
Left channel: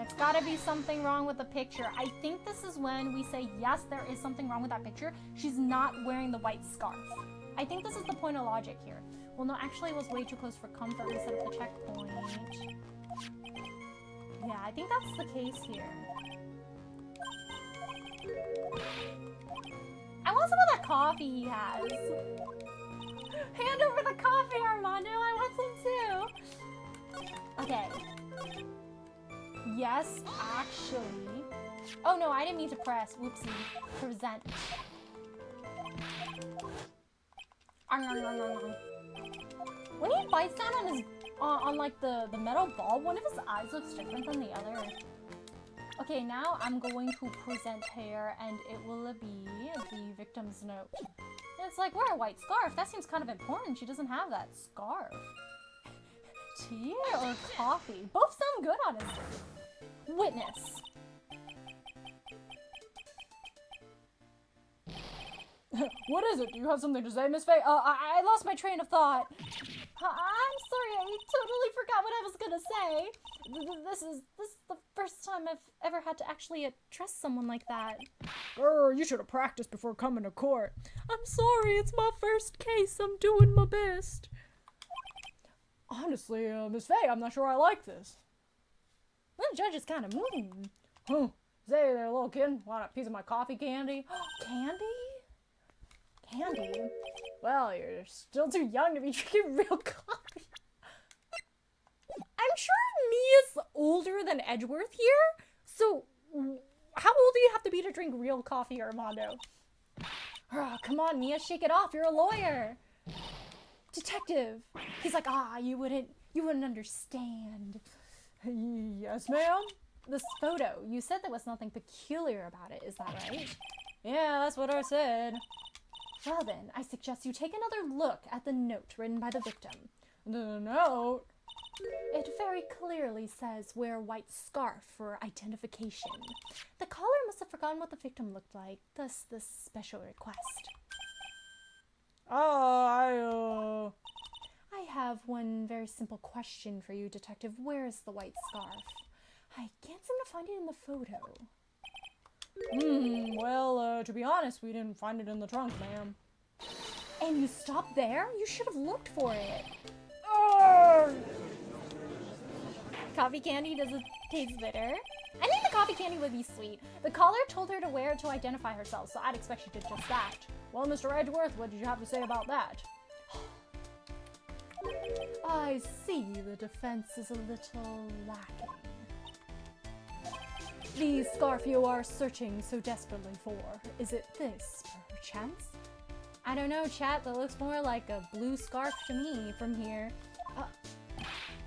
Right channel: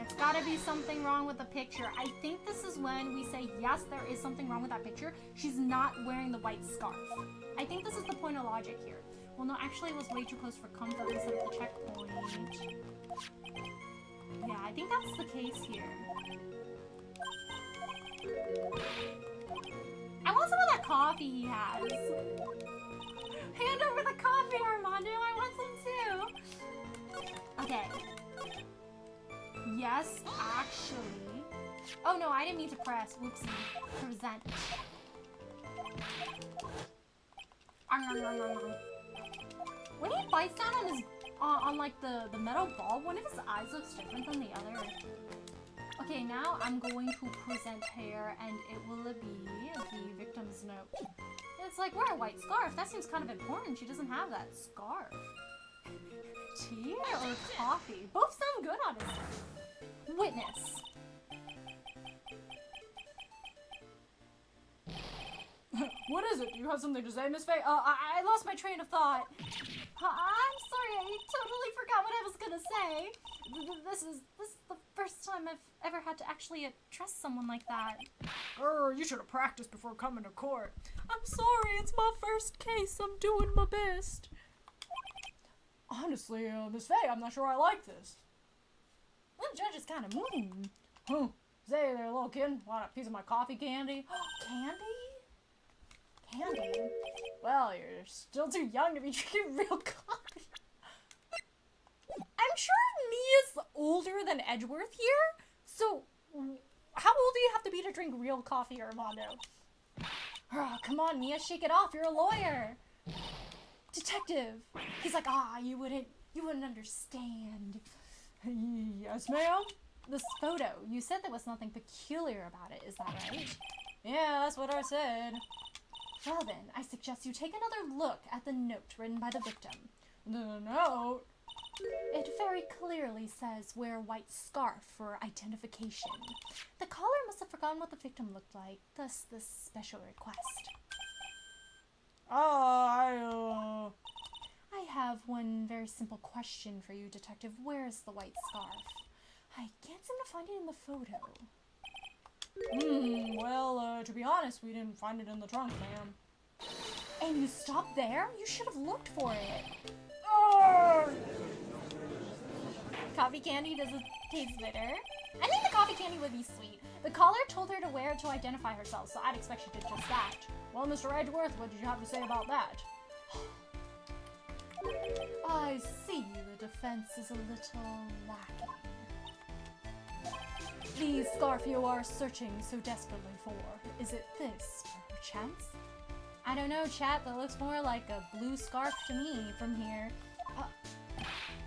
It's gotta be something wrong with the picture. I think this is when we say, yes, there is something wrong with that picture. She's not wearing the white scarf. I think this is the point of logic here. Well, no, actually it was way too close for comfort. We set up the checkpoint. Yeah, I think that's the case here. I want some of that coffee he has. Hand over the coffee, Armando. I want some too. Okay. Yes, actually. Oh no, I didn't mean to press. Whoopsie. Present. When he bites down on his, like the metal ball, one of his eyes looks different than the other. Okay, now I'm going to present here, and it will be the victim's note. It's like, wear a white scarf. That seems kind of important. She doesn't have that scarf. Tea or coffee? Both sound good on it. Witness. What is it? Do you have something to say, Miss Faye? I lost my train of thought. I'm sorry, I totally forgot what I was gonna say. This is the first time I've ever had to actually trust someone like that. You should have practiced before coming to court. I'm sorry, it's my first case. I'm doing my best. Honestly, Miss Faye, I'm not sure I like this. Well, the judge is kind of mean. Huh. Say there, little kid. Want a piece of my coffee candy? Candy? candy. Well, you're still too young to be drinking real coffee. I'm sure Mia's older than Edgeworth here, so how old do you have to be to drink real coffee, Armando? Oh, come on, Mia, shake it off. You're a lawyer. Detective. He's like, you wouldn't understand. Yes, ma'am? This photo, you said there was nothing peculiar about it, is that right? Yeah, that's what I said. Well then, I suggest you take another look at the note written by the victim. The note? It very clearly says wear white scarf for identification. The caller must have forgotten what the victim looked like, thus this special request. I have one very simple question for you, Detective. Where is the white scarf? I can't seem to find it in the photo. Well, to be honest, we didn't find it in the trunk, ma'am. And you stopped there? You should have looked for it. Coffee candy doesn't taste bitter. I think the coffee candy would be sweet. The caller told her to wear it to identify herself, so I'd expect she did just that. Well, Mr. Edgeworth, what did you have to say about that? I see the defense is a little lacking. The scarf you are searching so desperately for, is it this, perchance? I don't know, chat, that looks more like a blue scarf to me from here.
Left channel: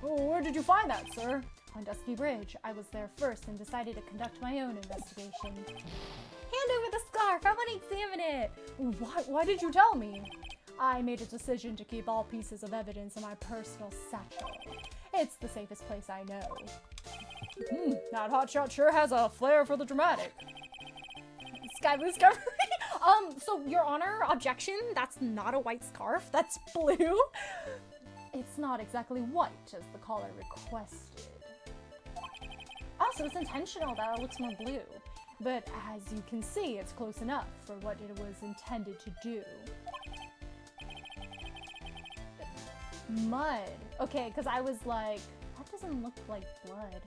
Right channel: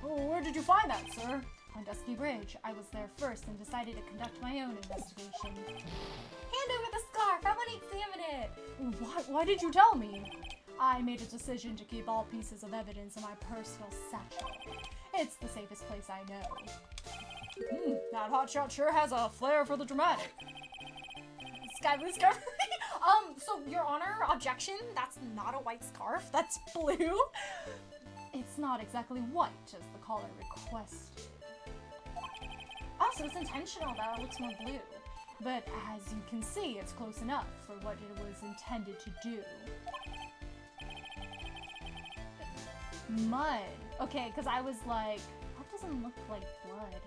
Where did you find that, sir? On Dusky Bridge. I was there first and decided to conduct my own investigation. Hand over the scarf, I want to examine it! Why did you tell me? I made a decision to keep all pieces of evidence in my personal satchel. It's the safest place I know. That hotshot sure has a flair for the dramatic. Sky blue scarf. So, Your Honor, objection, that's not a white scarf, that's blue. It's not exactly white, as the caller requested. Oh, so it's intentional that it looks more blue. But as you can see, it's close enough for what it was intended to do. Mud. Okay, because I was like, that doesn't look like blood.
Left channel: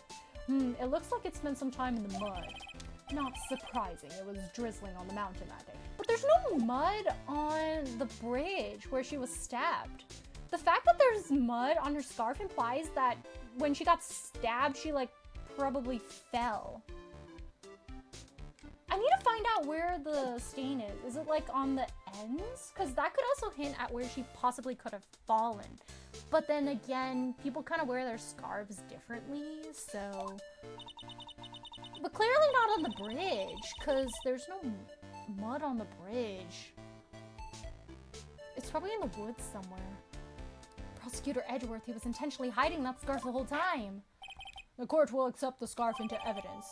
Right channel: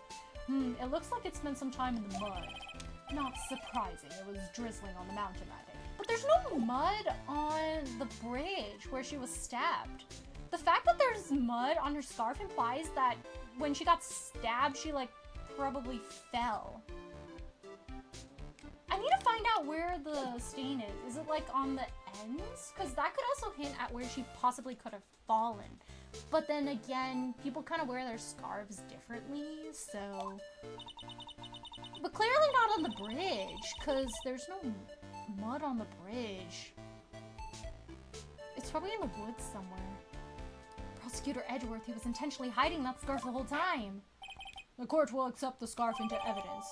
It looks like it spent some time in the mud. Not surprising, it was drizzling on the mountain that day. But there's no mud on the bridge where she was stabbed. The fact that there's mud on her scarf implies that when she got stabbed, she like probably fell. I need to find out where the stain is. Is it like on the ends? Because that could also hint at where she possibly could have fallen. But then again, people kind of wear their scarves differently, so... But clearly not on the bridge, because there's no mud on the bridge. It's probably in the woods somewhere. Prosecutor Edgeworth, he was intentionally hiding that scarf the whole time. The court will accept the scarf into evidence.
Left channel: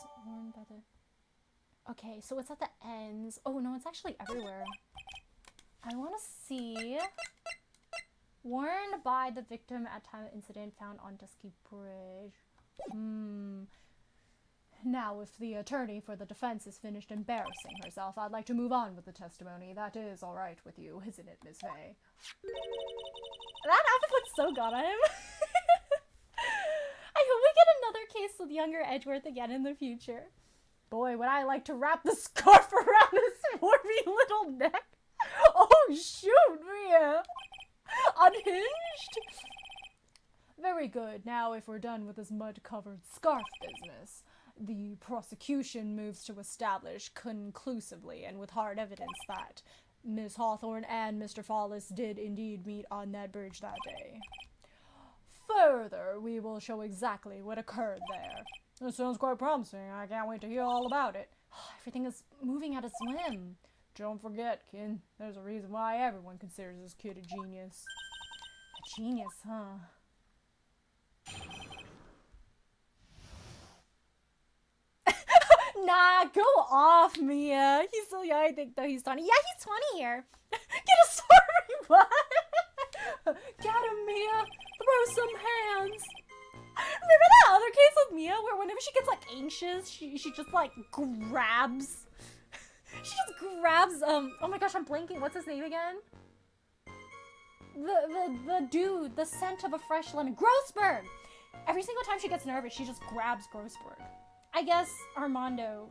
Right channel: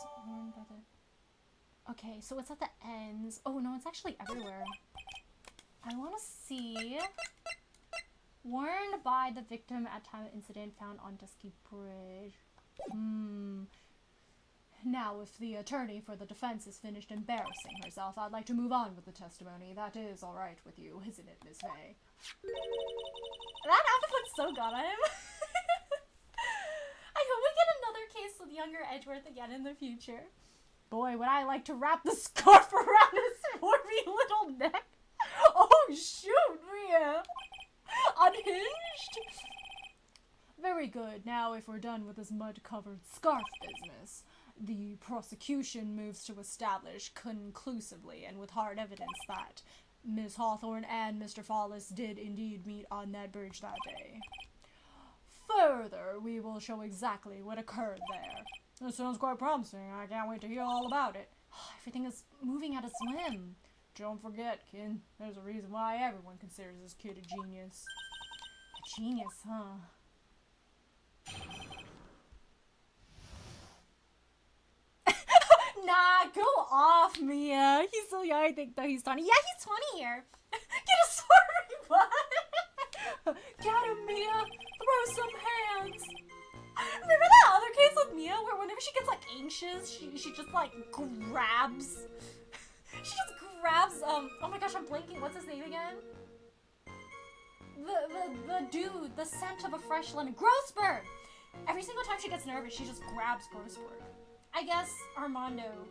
Okay, so it's at the ends. Oh no, it's actually everywhere. I want to see... Worn by the victim at time of incident, found on Dusky Bridge. Now, if the attorney for the defense is finished embarrassing herself, I'd like to move on with the testimony. That is all right with you, isn't it, Miss Faye? That outfit looks so good on him. I hope we get another case with younger Edgeworth again in the future. Boy, would I like to wrap the scarf around his swarmy little neck. Oh, shoot, Mia. Unhinged? Very good. Now, if we're done with this mud-covered scarf business, the prosecution moves to establish conclusively and with hard evidence that Miss Hawthorne and Mr. Follis did indeed meet on that bridge that day. Further, we will show exactly what occurred there. This sounds quite promising. I can't wait to hear all about it. Everything is moving at a whim. Don't forget, kid, there's a reason why everyone considers this kid a genius. A genius, huh? Nah, go off, Mia. He's so young, I think, though he's 20. Yeah, he's 20 here. Get a sorry butt. Get him, Mia. Throw some hands. Remember that other case with Mia where whenever she gets, like, anxious, she just, like, grabs... She just grabs, oh my gosh, I'm blanking. What's his name again? The dude, the scent of a fresh lemon. Grossberg! Every single time she gets nervous, she just grabs Grossberg. I guess Armando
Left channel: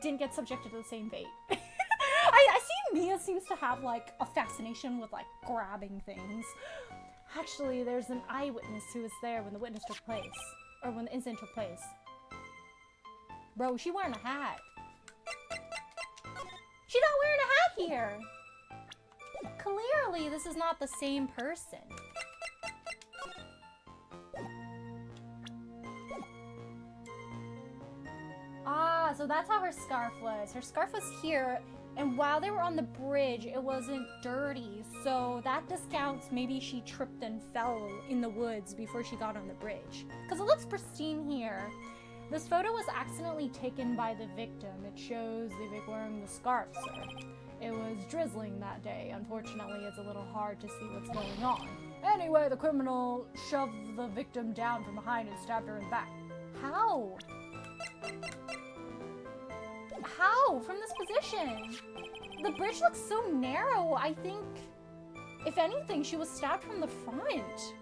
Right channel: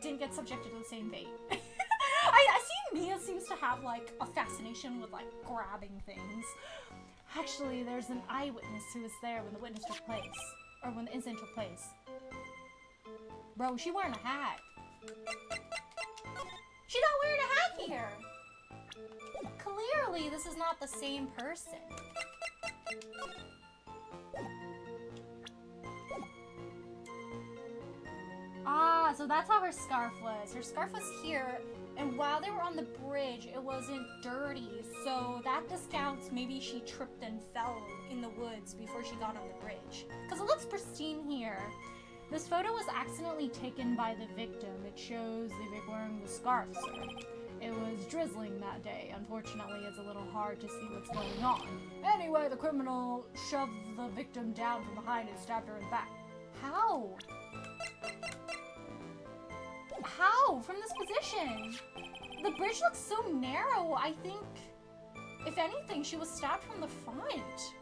didn't get subjected to the same fate. I see Nia seems to have, like, a fascination with, like, grabbing things. Actually, there's an eyewitness who was there when the witness took place. Or when the incident took place. Bro, she wearing a hat. She's not wearing a hat here! Clearly, this is not the same person. Ah, so that's how her scarf was. Her scarf was here, and while they were on the bridge, it wasn't dirty. So that discounts maybe she tripped and fell in the woods before she got on the bridge. Because it looks pristine here. This photo was accidentally taken by the victim. It shows the Vic wearing the scarf, sir. It was drizzling that day. Unfortunately, it's a little hard to see what's going on. Anyway, the criminal shoved the victim down from behind and stabbed her in the back. How? How? From this position? The bridge looks so narrow. I think, if anything, she was stabbed from the front.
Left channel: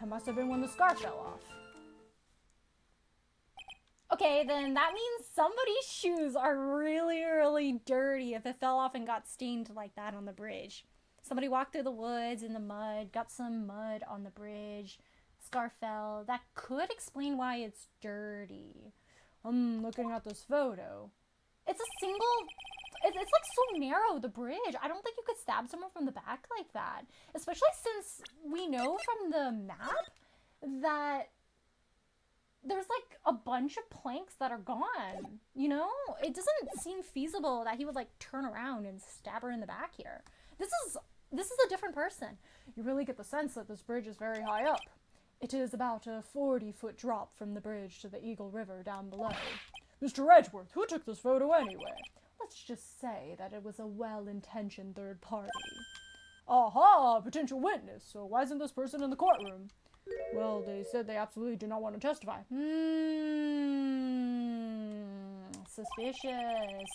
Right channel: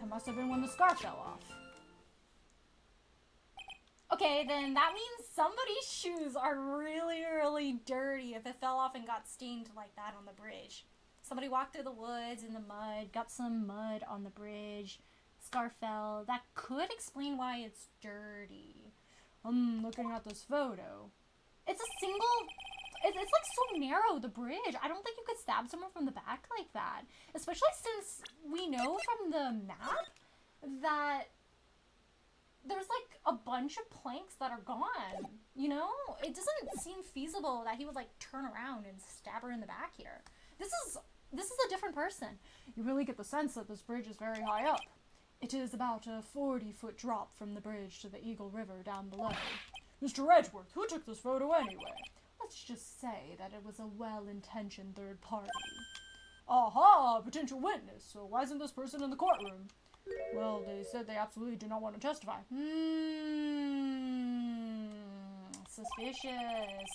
That must have been when the scarf fell off. Okay, then that means somebody's shoes are really, really dirty if it fell off and got stained like that on the bridge. Somebody walked through the woods in the mud, got some mud on the bridge, scarf fell. That could explain why it's dirty. I'm looking at this photo. It's a single... It's like so narrow, the bridge. I don't think you could stab someone from the back like that. Especially since we know from the map that there's like a bunch of planks that are gone. You know? It doesn't seem feasible that he would like turn around and stab her in the back here. This is a different person. You really get the sense that this bridge is very high up. It is about a 40-foot drop from the bridge to the Eagle River down below. Mr. Edgeworth, who took this photo anyway? Let's just say that it was a well-intentioned third party. Aha! Potential witness. So why isn't this person in the courtroom? Well, they said they absolutely do not want to testify. Suspicious.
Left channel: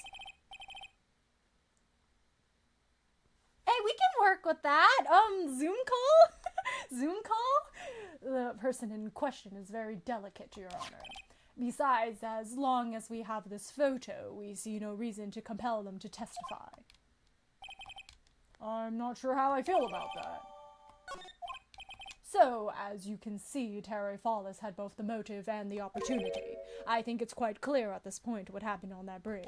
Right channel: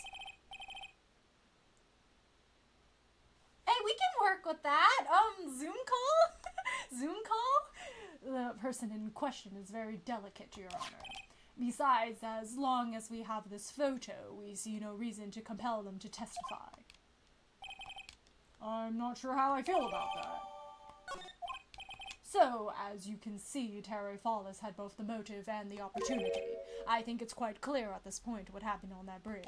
Hey, we can work with that. Zoom call? Zoom call? The person in question is very delicate, Your Honor. Besides, as long as we have this photo, we see no reason to compel them to testify. I'm not sure how I feel about that. So, as you can see, Terry Fallis had both the motive and the opportunity. I think it's quite clear at this point what happened on that bridge.